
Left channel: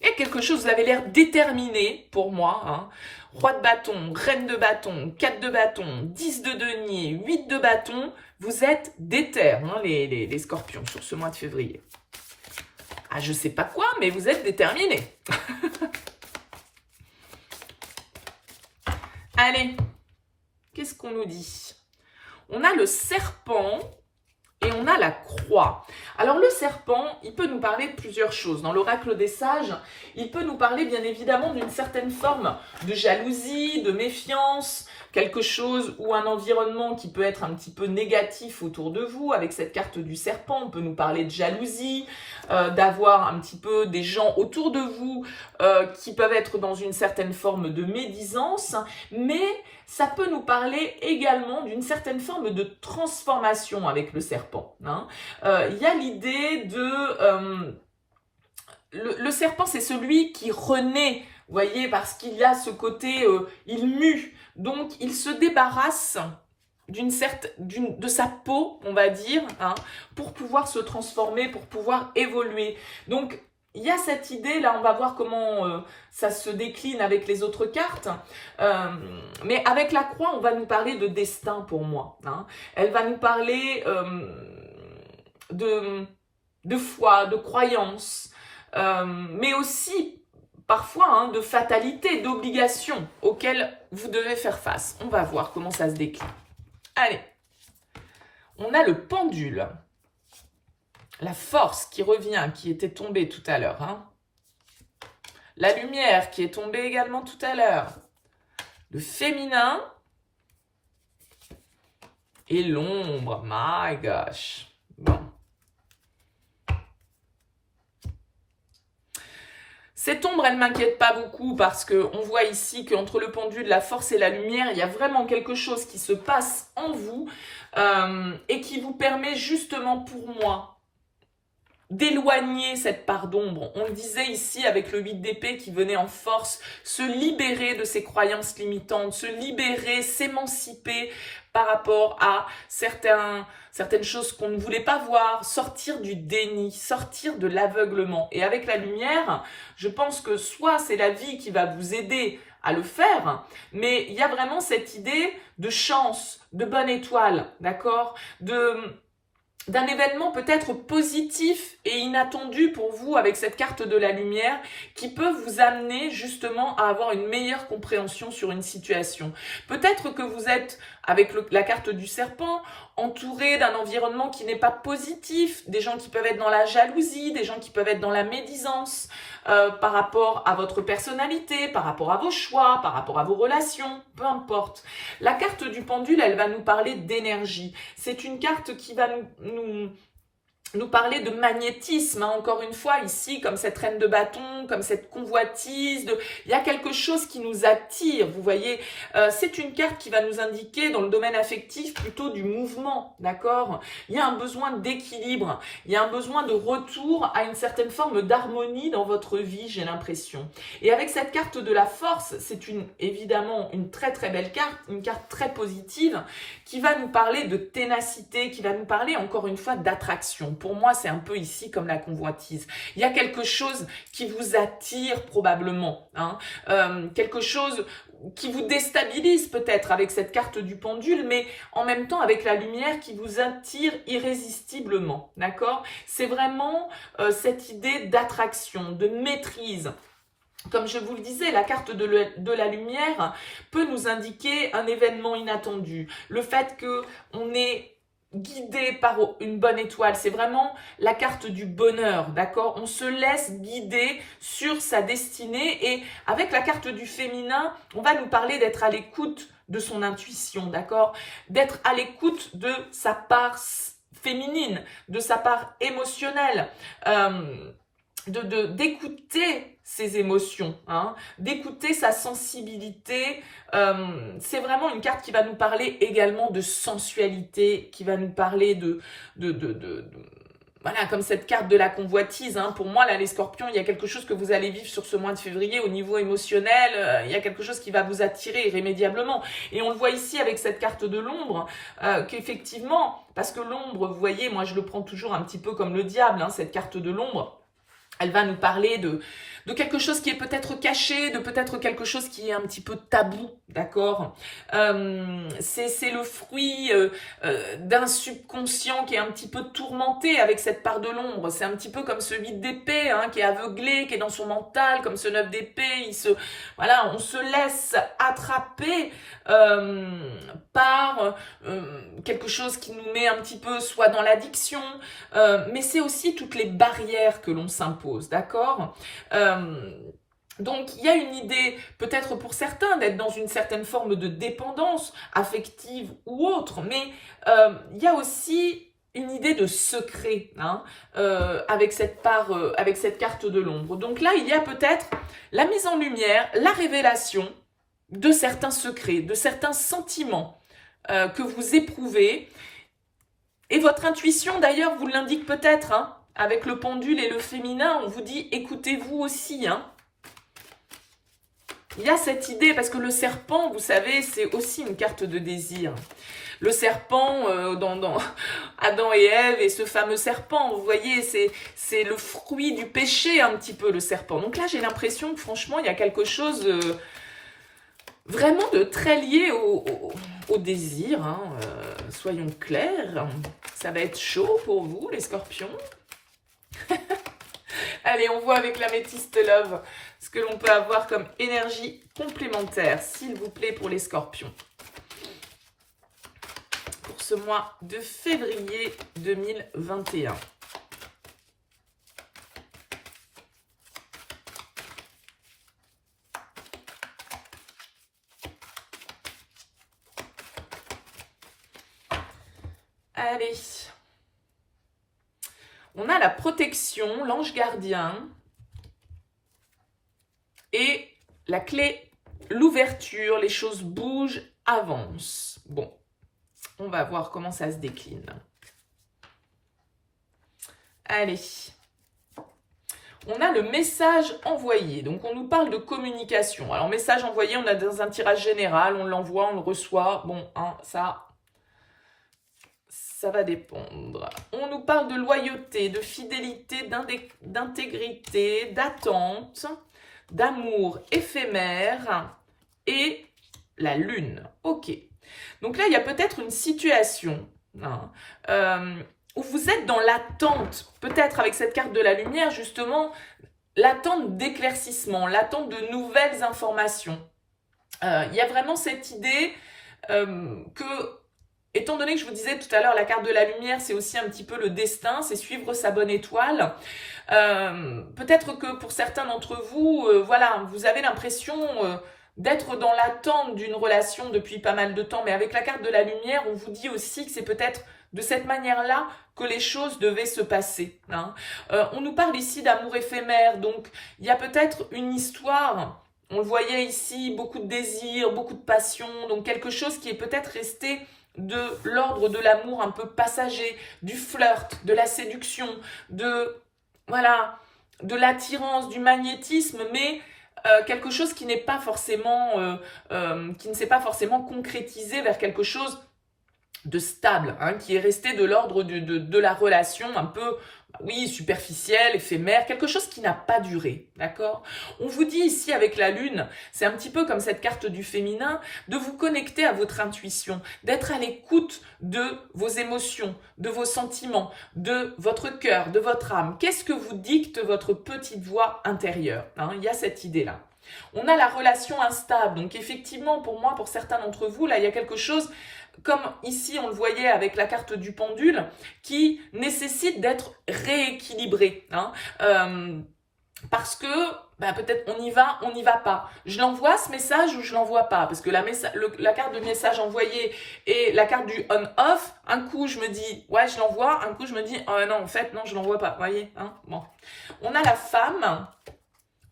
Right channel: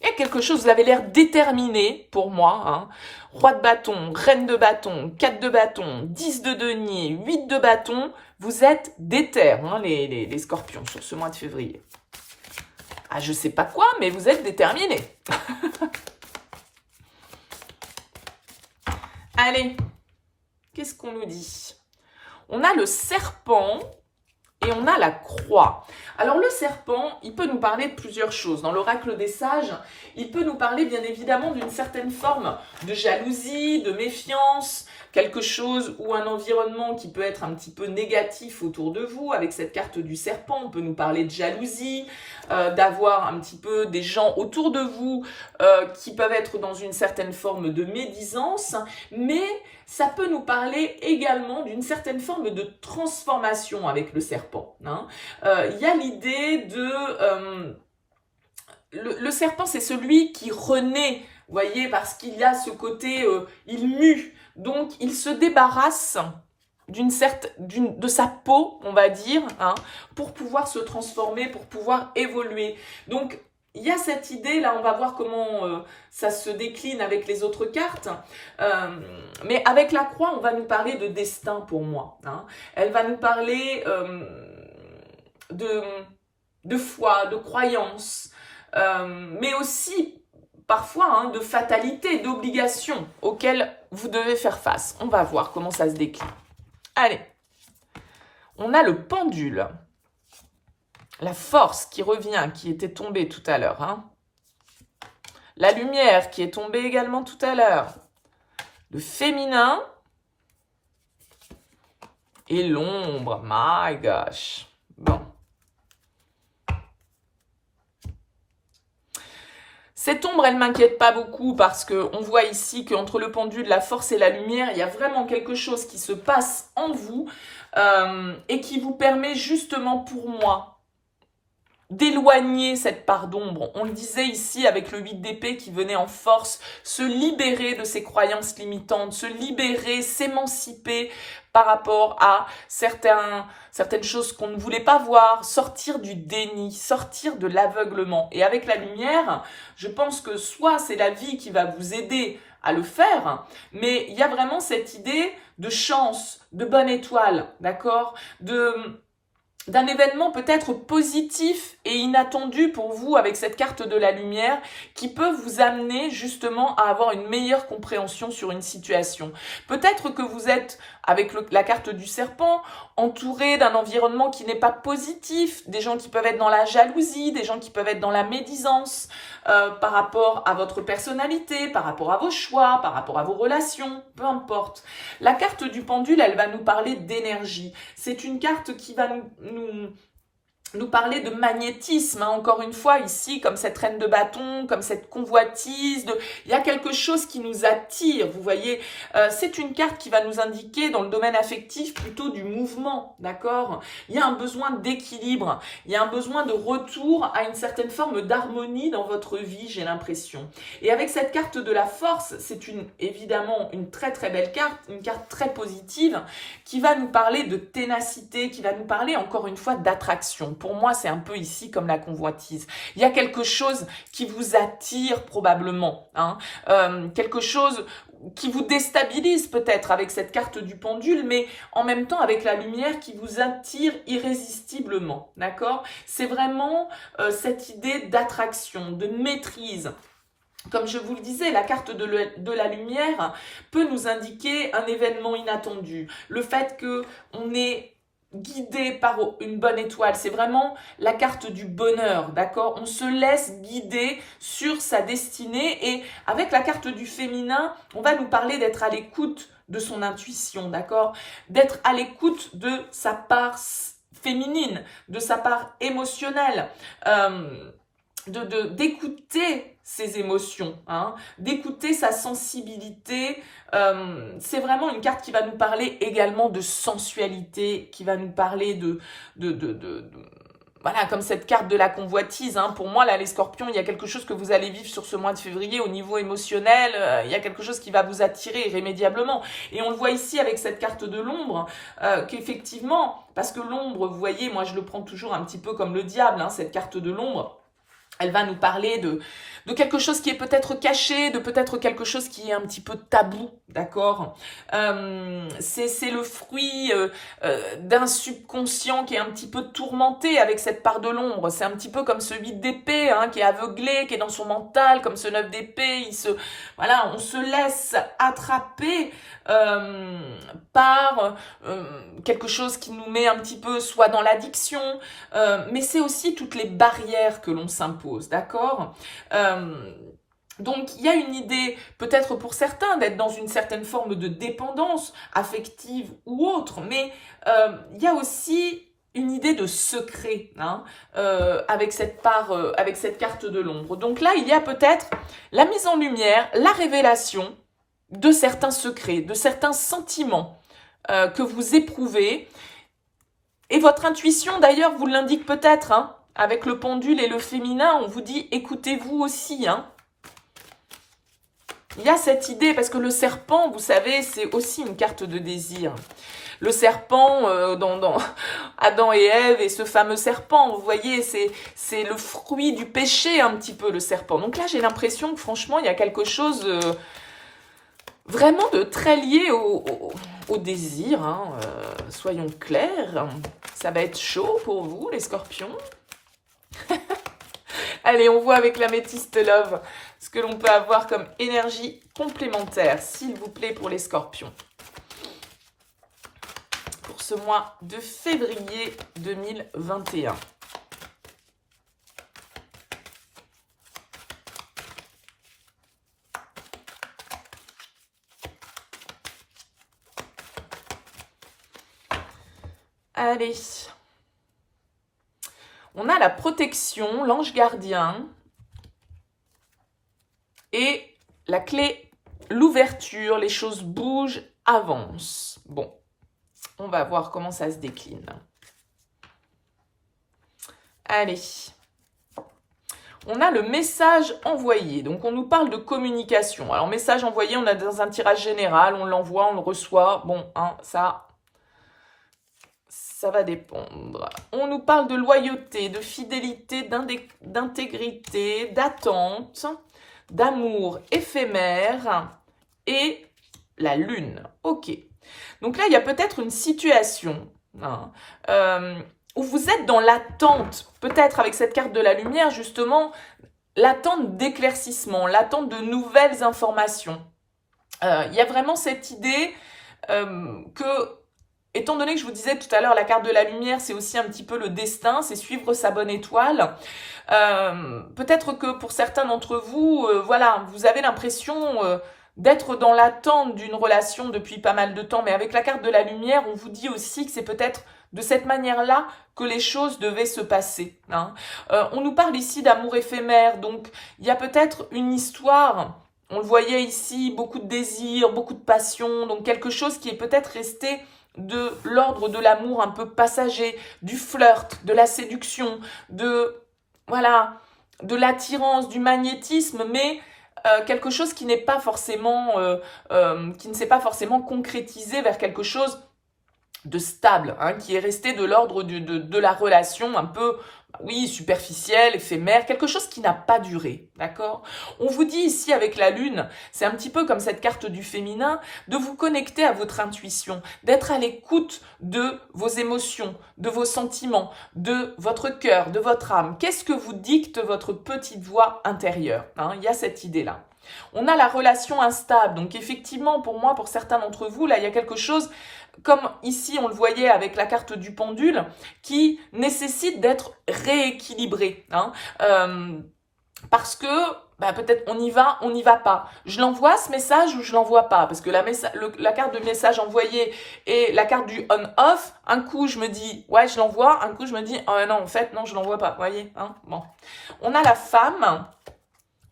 Il y a quelque chose, vous avez l'air déterminé pour moi. Hein. Roi de bâton, reine de bâton, 4 de bâton, 10 de denier, 8 de bâton. Vous êtes déter, hein, les scorpions, sur ce mois de février. Ah, je sais pas quoi, mais vous êtes déterminés. Allez, qu'est-ce qu'on nous dit? On a le serpent et on a la croix. Alors le serpent, il peut nous parler de plusieurs choses. Dans l'oracle des sages, il peut nous parler bien évidemment d'une certaine forme de jalousie, de méfiance, quelque chose ou un environnement qui peut être un petit peu négatif autour de vous. Avec cette carte du serpent, on peut nous parler de jalousie, d'avoir un petit peu des gens autour de vous qui peuvent être dans une certaine forme de médisance, mais ça peut nous parler également d'une certaine forme de transformation avec le serpent. Hein. Il y a l'idée de... le serpent, c'est celui qui renaît, vous voyez, parce qu'il y a ce côté, il mue. Donc, il se débarrasse de sa peau, on va dire, hein, pour pouvoir se transformer, pour pouvoir évoluer. Donc, il y a cette idée, là, on va voir comment ça se décline avec les autres cartes. Mais avec la croix, on va nous parler de destin pour moi. Hein. Elle va nous parler de foi, de croyance, mais aussi parfois hein, de fatalité, d'obligation auxquelles vous devez faire face. On va voir comment ça se décline. Allez, on a le pendule. La force qui revient, qui était tombée tout à l'heure. Hein. La lumière qui est tombée également tout à l'heure. Le féminin. Et l'ombre. My gosh. Bon. Cette ombre, elle ne m'inquiète pas beaucoup parce qu'on voit ici qu'entre le pendule, la force et la lumière, il y a vraiment quelque chose qui se passe en vous et qui vous permet justement pour moi d'éloigner cette part d'ombre. On le disait ici avec le 8 d'épée qui venait en force, se libérer de ses croyances limitantes, se libérer, s'émanciper par rapport à certaines choses qu'on ne voulait pas voir, sortir du déni, sortir de l'aveuglement. Et avec la lumière, je pense que soit c'est la vie qui va vous aider à le faire, mais il y a vraiment cette idée de chance, de bonne étoile, d'accord ? D'un événement peut-être positif et inattendu pour vous avec cette carte de la lumière qui peut vous amener justement à avoir une meilleure compréhension sur une situation. Peut-être que vous êtes, avec la carte du serpent, entouré d'un environnement qui n'est pas positif, des gens qui peuvent être dans la jalousie, des gens qui peuvent être dans la médisance par rapport à votre personnalité, par rapport à vos choix, par rapport à vos relations, peu importe. La carte du pendule, elle va nous parler d'énergie. C'est une carte qui va nous parler de magnétisme, hein, encore une fois ici, comme cette reine de bâton, comme cette convoitise, il y a quelque chose qui nous attire, vous voyez, c'est une carte qui va nous indiquer dans le domaine affectif plutôt du mouvement, d'accord? Il y a un besoin d'équilibre, il y a un besoin de retour à une certaine forme d'harmonie dans votre vie, j'ai l'impression. Et avec cette carte de la force, c'est évidemment une très très belle carte, une carte très positive, qui va nous parler de ténacité, qui va nous parler encore une fois d'attraction. Pour moi, c'est un peu ici comme la convoitise. Il y a quelque chose qui vous attire probablement, hein, quelque chose qui vous déstabilise peut-être avec cette carte du pendule, mais en même temps avec la lumière qui vous attire irrésistiblement, d'accord? C'est vraiment cette idée d'attraction, de maîtrise. Comme je vous le disais, la carte de la lumière peut nous indiquer un événement inattendu. Le fait qu'on est guidé par une bonne étoile, c'est vraiment la carte du bonheur, d'accord? On se laisse guider sur sa destinée et avec la carte du féminin, on va nous parler d'être à l'écoute de son intuition, d'accord? D'être à l'écoute de sa part féminine, de sa part émotionnelle, d'écouter ses émotions, hein, d'écouter sa sensibilité. C'est vraiment une carte qui va nous parler également de sensualité, qui va nous parler voilà, comme cette carte de la convoitise. Hein. Pour moi, là, les scorpions, il y a quelque chose que vous allez vivre sur ce mois de février au niveau émotionnel. Il y a quelque chose qui va vous attirer irrémédiablement. Et on le voit ici avec cette carte de l'ombre, qu'effectivement, parce que l'ombre, vous voyez, moi, je le prends toujours un petit peu comme le diable, hein, cette carte de l'ombre. Elle va nous parler de quelque chose qui est peut-être caché, de peut-être quelque chose qui est un petit peu tabou, d'accord? C'est le fruit d'un subconscient qui est un petit peu tourmenté avec cette part de l'ombre. C'est un petit peu comme ce 8 d'épée, hein, qui est aveuglé, qui est dans son mental, comme ce 9 d'épée. Voilà, on se laisse attraper par quelque chose qui nous met un petit peu soit dans l'addiction, mais c'est aussi toutes les barrières que l'on s'impose, d'accord? Donc, il y a une idée, peut-être pour certains, d'être dans une certaine forme de dépendance affective ou autre, mais il y a aussi une idée de secret, hein, avec cette carte de l'ombre. Donc là, il y a peut-être la mise en lumière, la révélation de certains secrets, de certains sentiments que vous éprouvez. Et votre intuition, d'ailleurs, vous l'indique peut-être, hein, avec le pendule et le féminin, on vous dit écoutez-vous aussi. Hein. Il y a cette idée, parce que le serpent, vous savez, c'est aussi une carte de désir. Le serpent, dans Adam et Ève et ce fameux serpent, vous voyez, c'est le fruit du péché un petit peu, le serpent. Donc là, j'ai l'impression que franchement, il y a quelque chose vraiment de très lié au désir. Hein. Soyons clairs, ça va être chaud pour vous, les scorpions. Allez, on voit avec l'améthyste love ce que l'on peut avoir comme énergie complémentaire, s'il vous plaît, pour les scorpions. Pour ce mois de février 2021. Allez. On a la protection, l'ange gardien et la clé, l'ouverture, les choses bougent, avancent. Bon, on va voir comment ça se décline. Allez. On a le message envoyé. Donc, on nous parle de communication. Alors, message envoyé, on a dans un tirage général, on l'envoie, on le reçoit. Bon, hein, ça va dépendre. On nous parle de loyauté, de fidélité, d'intégrité, d'attente, d'amour éphémère et la lune. Ok. Donc là, il y a peut-être une situation où vous êtes dans l'attente, peut-être avec cette carte de la lumière, justement, l'attente d'éclaircissement, l'attente de nouvelles informations. Il y a vraiment cette idée que, étant donné que je vous disais tout à l'heure, la carte de la lumière, c'est aussi un petit peu le destin, c'est suivre sa bonne étoile. Peut-être que pour certains d'entre vous, voilà, vous avez l'impression d'être dans l'attente d'une relation depuis pas mal de temps, mais avec la carte de la lumière, on vous dit aussi que c'est peut-être de cette manière-là que les choses devaient se passer. Hein. On nous parle ici d'amour éphémère, donc il y a peut-être une histoire, on le voyait ici, beaucoup de désir, beaucoup de passion, donc quelque chose qui est peut-être resté de l'ordre de l'amour un peu passager, du flirt, de la séduction, voilà, de l'attirance, du magnétisme, mais quelque chose qui n'est pas forcément, qui ne s'est pas forcément concrétisé vers quelque chose de stable, hein, qui est resté de l'ordre de la relation un peu, oui, superficielle, éphémère, quelque chose qui n'a pas duré, d'accord? On vous dit ici avec la lune, c'est un petit peu comme cette carte du féminin, de vous connecter à votre intuition, d'être à l'écoute de vos émotions, de vos sentiments, de votre cœur, de votre âme. Qu'est-ce que vous dicte votre petite voix intérieure, hein? Il y a cette idée-là. On a la relation instable, donc effectivement, pour moi, pour certains d'entre vous, là, il y a quelque chose, comme ici on le voyait avec la carte du pendule, qui nécessite d'être rééquilibré. Hein, parce que peut-être on y va pas. Je l'envoie ce message ou je l'envoie pas. Parce que la carte de message envoyé et la carte du on-off, un coup je me dis ouais je l'envoie, un coup je me dis oh non en fait non je l'envoie pas. Vous voyez, hein, bon. On a la femme,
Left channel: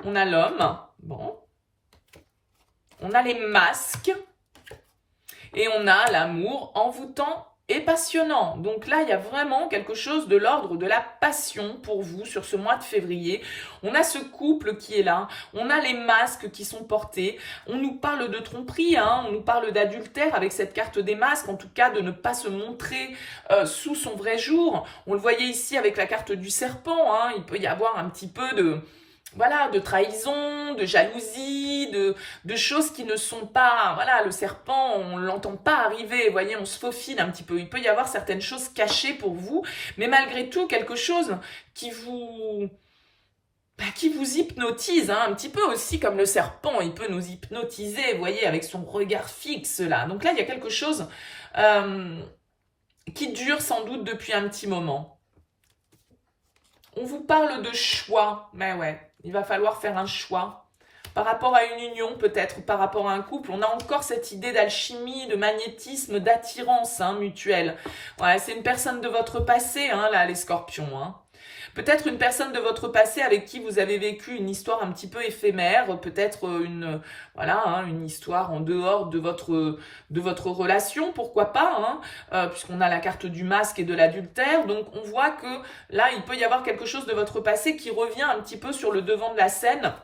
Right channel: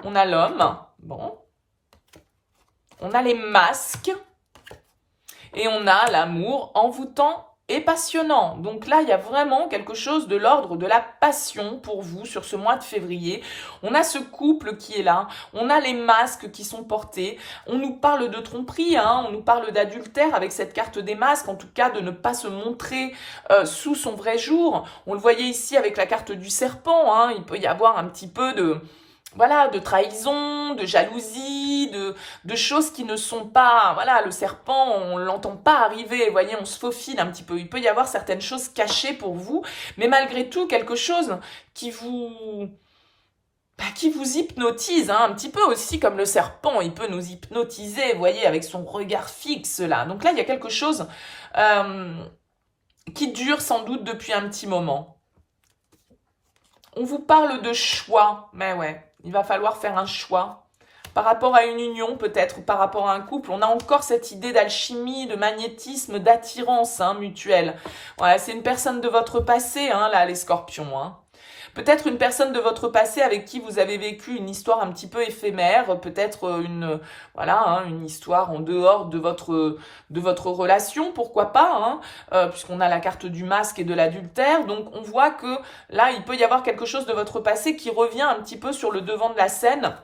on a l'homme, bon. On a les masques. Et on a l'amour envoûtant et passionnant. Donc là, il y a vraiment quelque chose de l'ordre de la passion pour vous sur ce mois de février. On a ce couple qui est là. On a les masques qui sont portés. On nous parle de tromperie, hein, on nous parle d'adultère avec cette carte des masques. En tout cas, de ne pas se montrer sous son vrai jour. On le voyait ici avec la carte du serpent. Hein, il peut y avoir un petit peu de... Voilà, de trahison, de jalousie, de choses qui ne sont pas... Voilà, le serpent, on ne l'entend pas arriver, vous voyez, on se faufile un petit peu. Il peut y avoir certaines choses cachées pour vous, mais malgré tout, quelque chose qui vous hypnotise, hein, un petit peu aussi comme le serpent, il peut nous hypnotiser, vous voyez, avec son regard fixe, là. Donc là, il y a quelque chose qui dure sans doute depuis un petit moment. On vous parle de choix, mais ouais. Il va falloir faire un choix. Par rapport à une union, peut-être, ou par rapport à un couple, on a encore cette idée d'alchimie, de magnétisme, d'attirance mutuelle. Ouais, c'est une personne de votre passé, hein, là, les scorpions. Hein. Peut-être une personne de votre passé avec qui vous avez vécu une histoire un petit peu éphémère, peut-être une histoire en dehors de votre relation, pourquoi pas, hein, puisqu'on a la carte du masque et de l'adultère. Donc on voit que là, il peut y avoir quelque chose de votre passé qui revient un petit peu sur le devant de la scène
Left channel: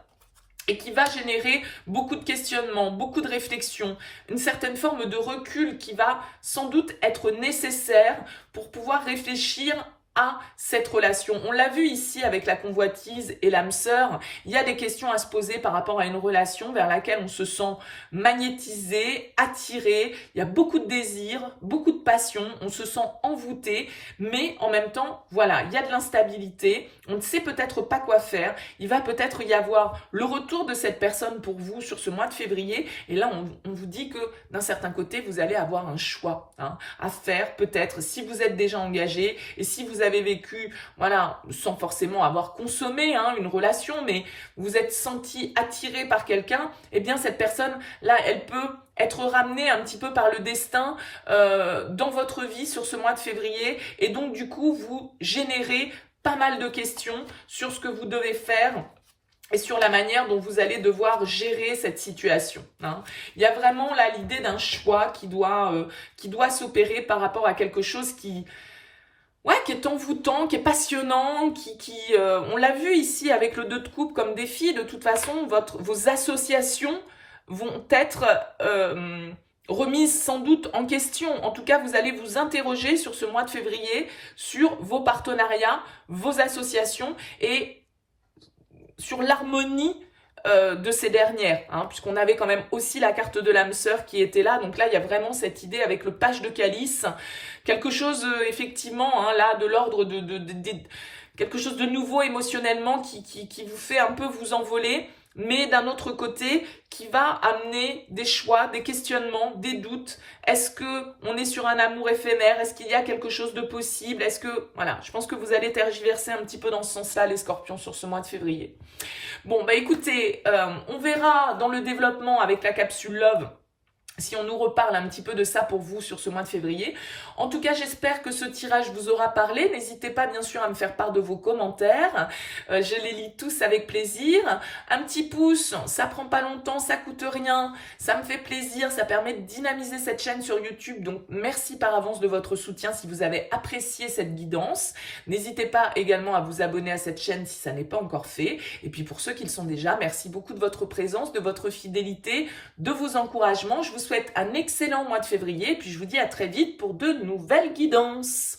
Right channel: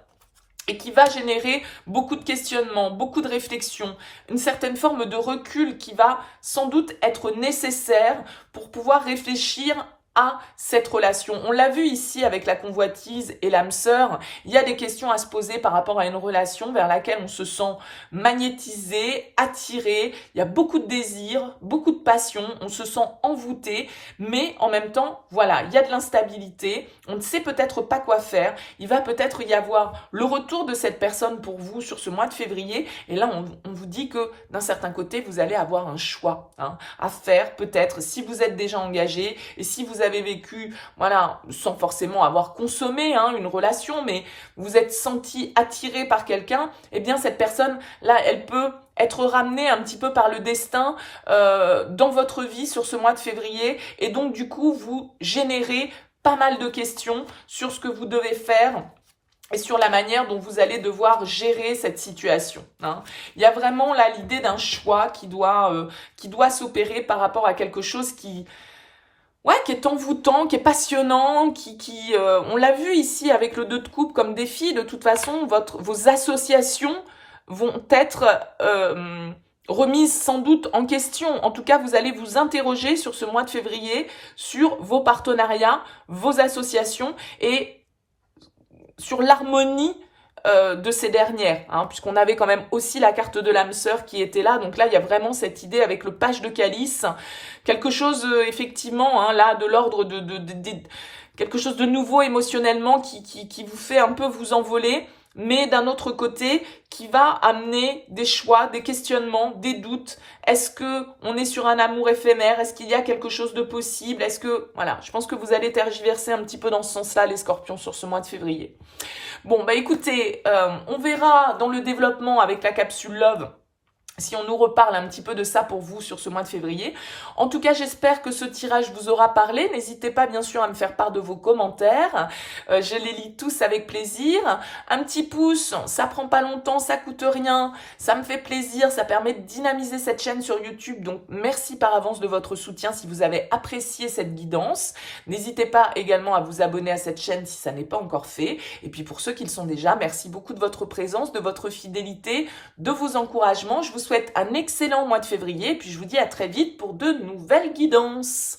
et qui va générer beaucoup de questionnements, beaucoup de réflexions, une certaine forme de recul qui va sans doute être nécessaire pour pouvoir réfléchir à cette relation. On l'a vu ici avec la convoitise et l'âme sœur, il y a des questions à se poser par rapport à une relation vers laquelle on se sent magnétisé, attiré, il y a beaucoup de désir, beaucoup de passion, on se sent envoûté, mais en même temps, voilà, il y a de l'instabilité, on ne sait peut-être pas quoi faire, il va peut-être y avoir le retour de cette personne pour vous sur ce mois de février, et là on vous dit que d'un certain côté, vous allez avoir un choix à faire, peut-être si vous êtes déjà engagé, et si vous avez vécu, voilà, sans forcément avoir consommé une relation, mais vous êtes senti attiré par quelqu'un, eh bien cette personne, là, elle peut être ramenée un petit peu par le destin dans votre vie sur ce mois de février, et donc du coup, vous générez pas mal de questions sur ce que vous devez faire et sur la manière dont vous allez devoir gérer cette situation. Il y a vraiment là l'idée d'un choix qui doit s'opérer par rapport à quelque chose qui est envoûtant, qui est passionnant, on l'a vu ici avec le 2 de coupe comme défi. De toute façon, vos associations vont être remises sans doute en question. En tout cas, vous allez vous interroger sur ce mois de février, sur vos partenariats, vos associations et sur l'harmonie de ces dernières, puisqu'on avait quand même aussi la carte de l'âme sœur qui était là. Donc là, il y a vraiment cette idée avec le page de calice, quelque chose effectivement là de l'ordre de quelque chose de nouveau émotionnellement qui vous fait un peu vous envoler, mais d'un autre côté qui va amener des choix, des questionnements, des doutes. Est-ce que on est sur un amour éphémère? Est-ce qu'il y a quelque chose de possible? Est-ce que, voilà, je pense que vous allez tergiverser un petit peu dans ce sens-là, les scorpions, sur ce mois de février. Bon, bah écoutez, on verra dans le développement avec la capsule Love si on nous reparle un petit peu de ça pour vous sur ce mois de février. En tout cas, j'espère que ce tirage vous aura parlé. N'hésitez pas bien sûr à me faire part de vos commentaires. Je les lis tous avec plaisir. Un petit pouce, ça prend pas longtemps, ça coûte rien. Ça me fait plaisir, ça permet de dynamiser cette chaîne sur YouTube. Donc merci par avance de votre soutien si vous avez apprécié cette guidance. N'hésitez pas également à vous abonner à cette chaîne si ça n'est pas encore fait. Et puis pour ceux qui le sont déjà, merci beaucoup de votre présence, de votre fidélité, de vos encouragements. Je vous souhaite un excellent mois de février et puis je vous dis à très vite pour de nouvelles guidances.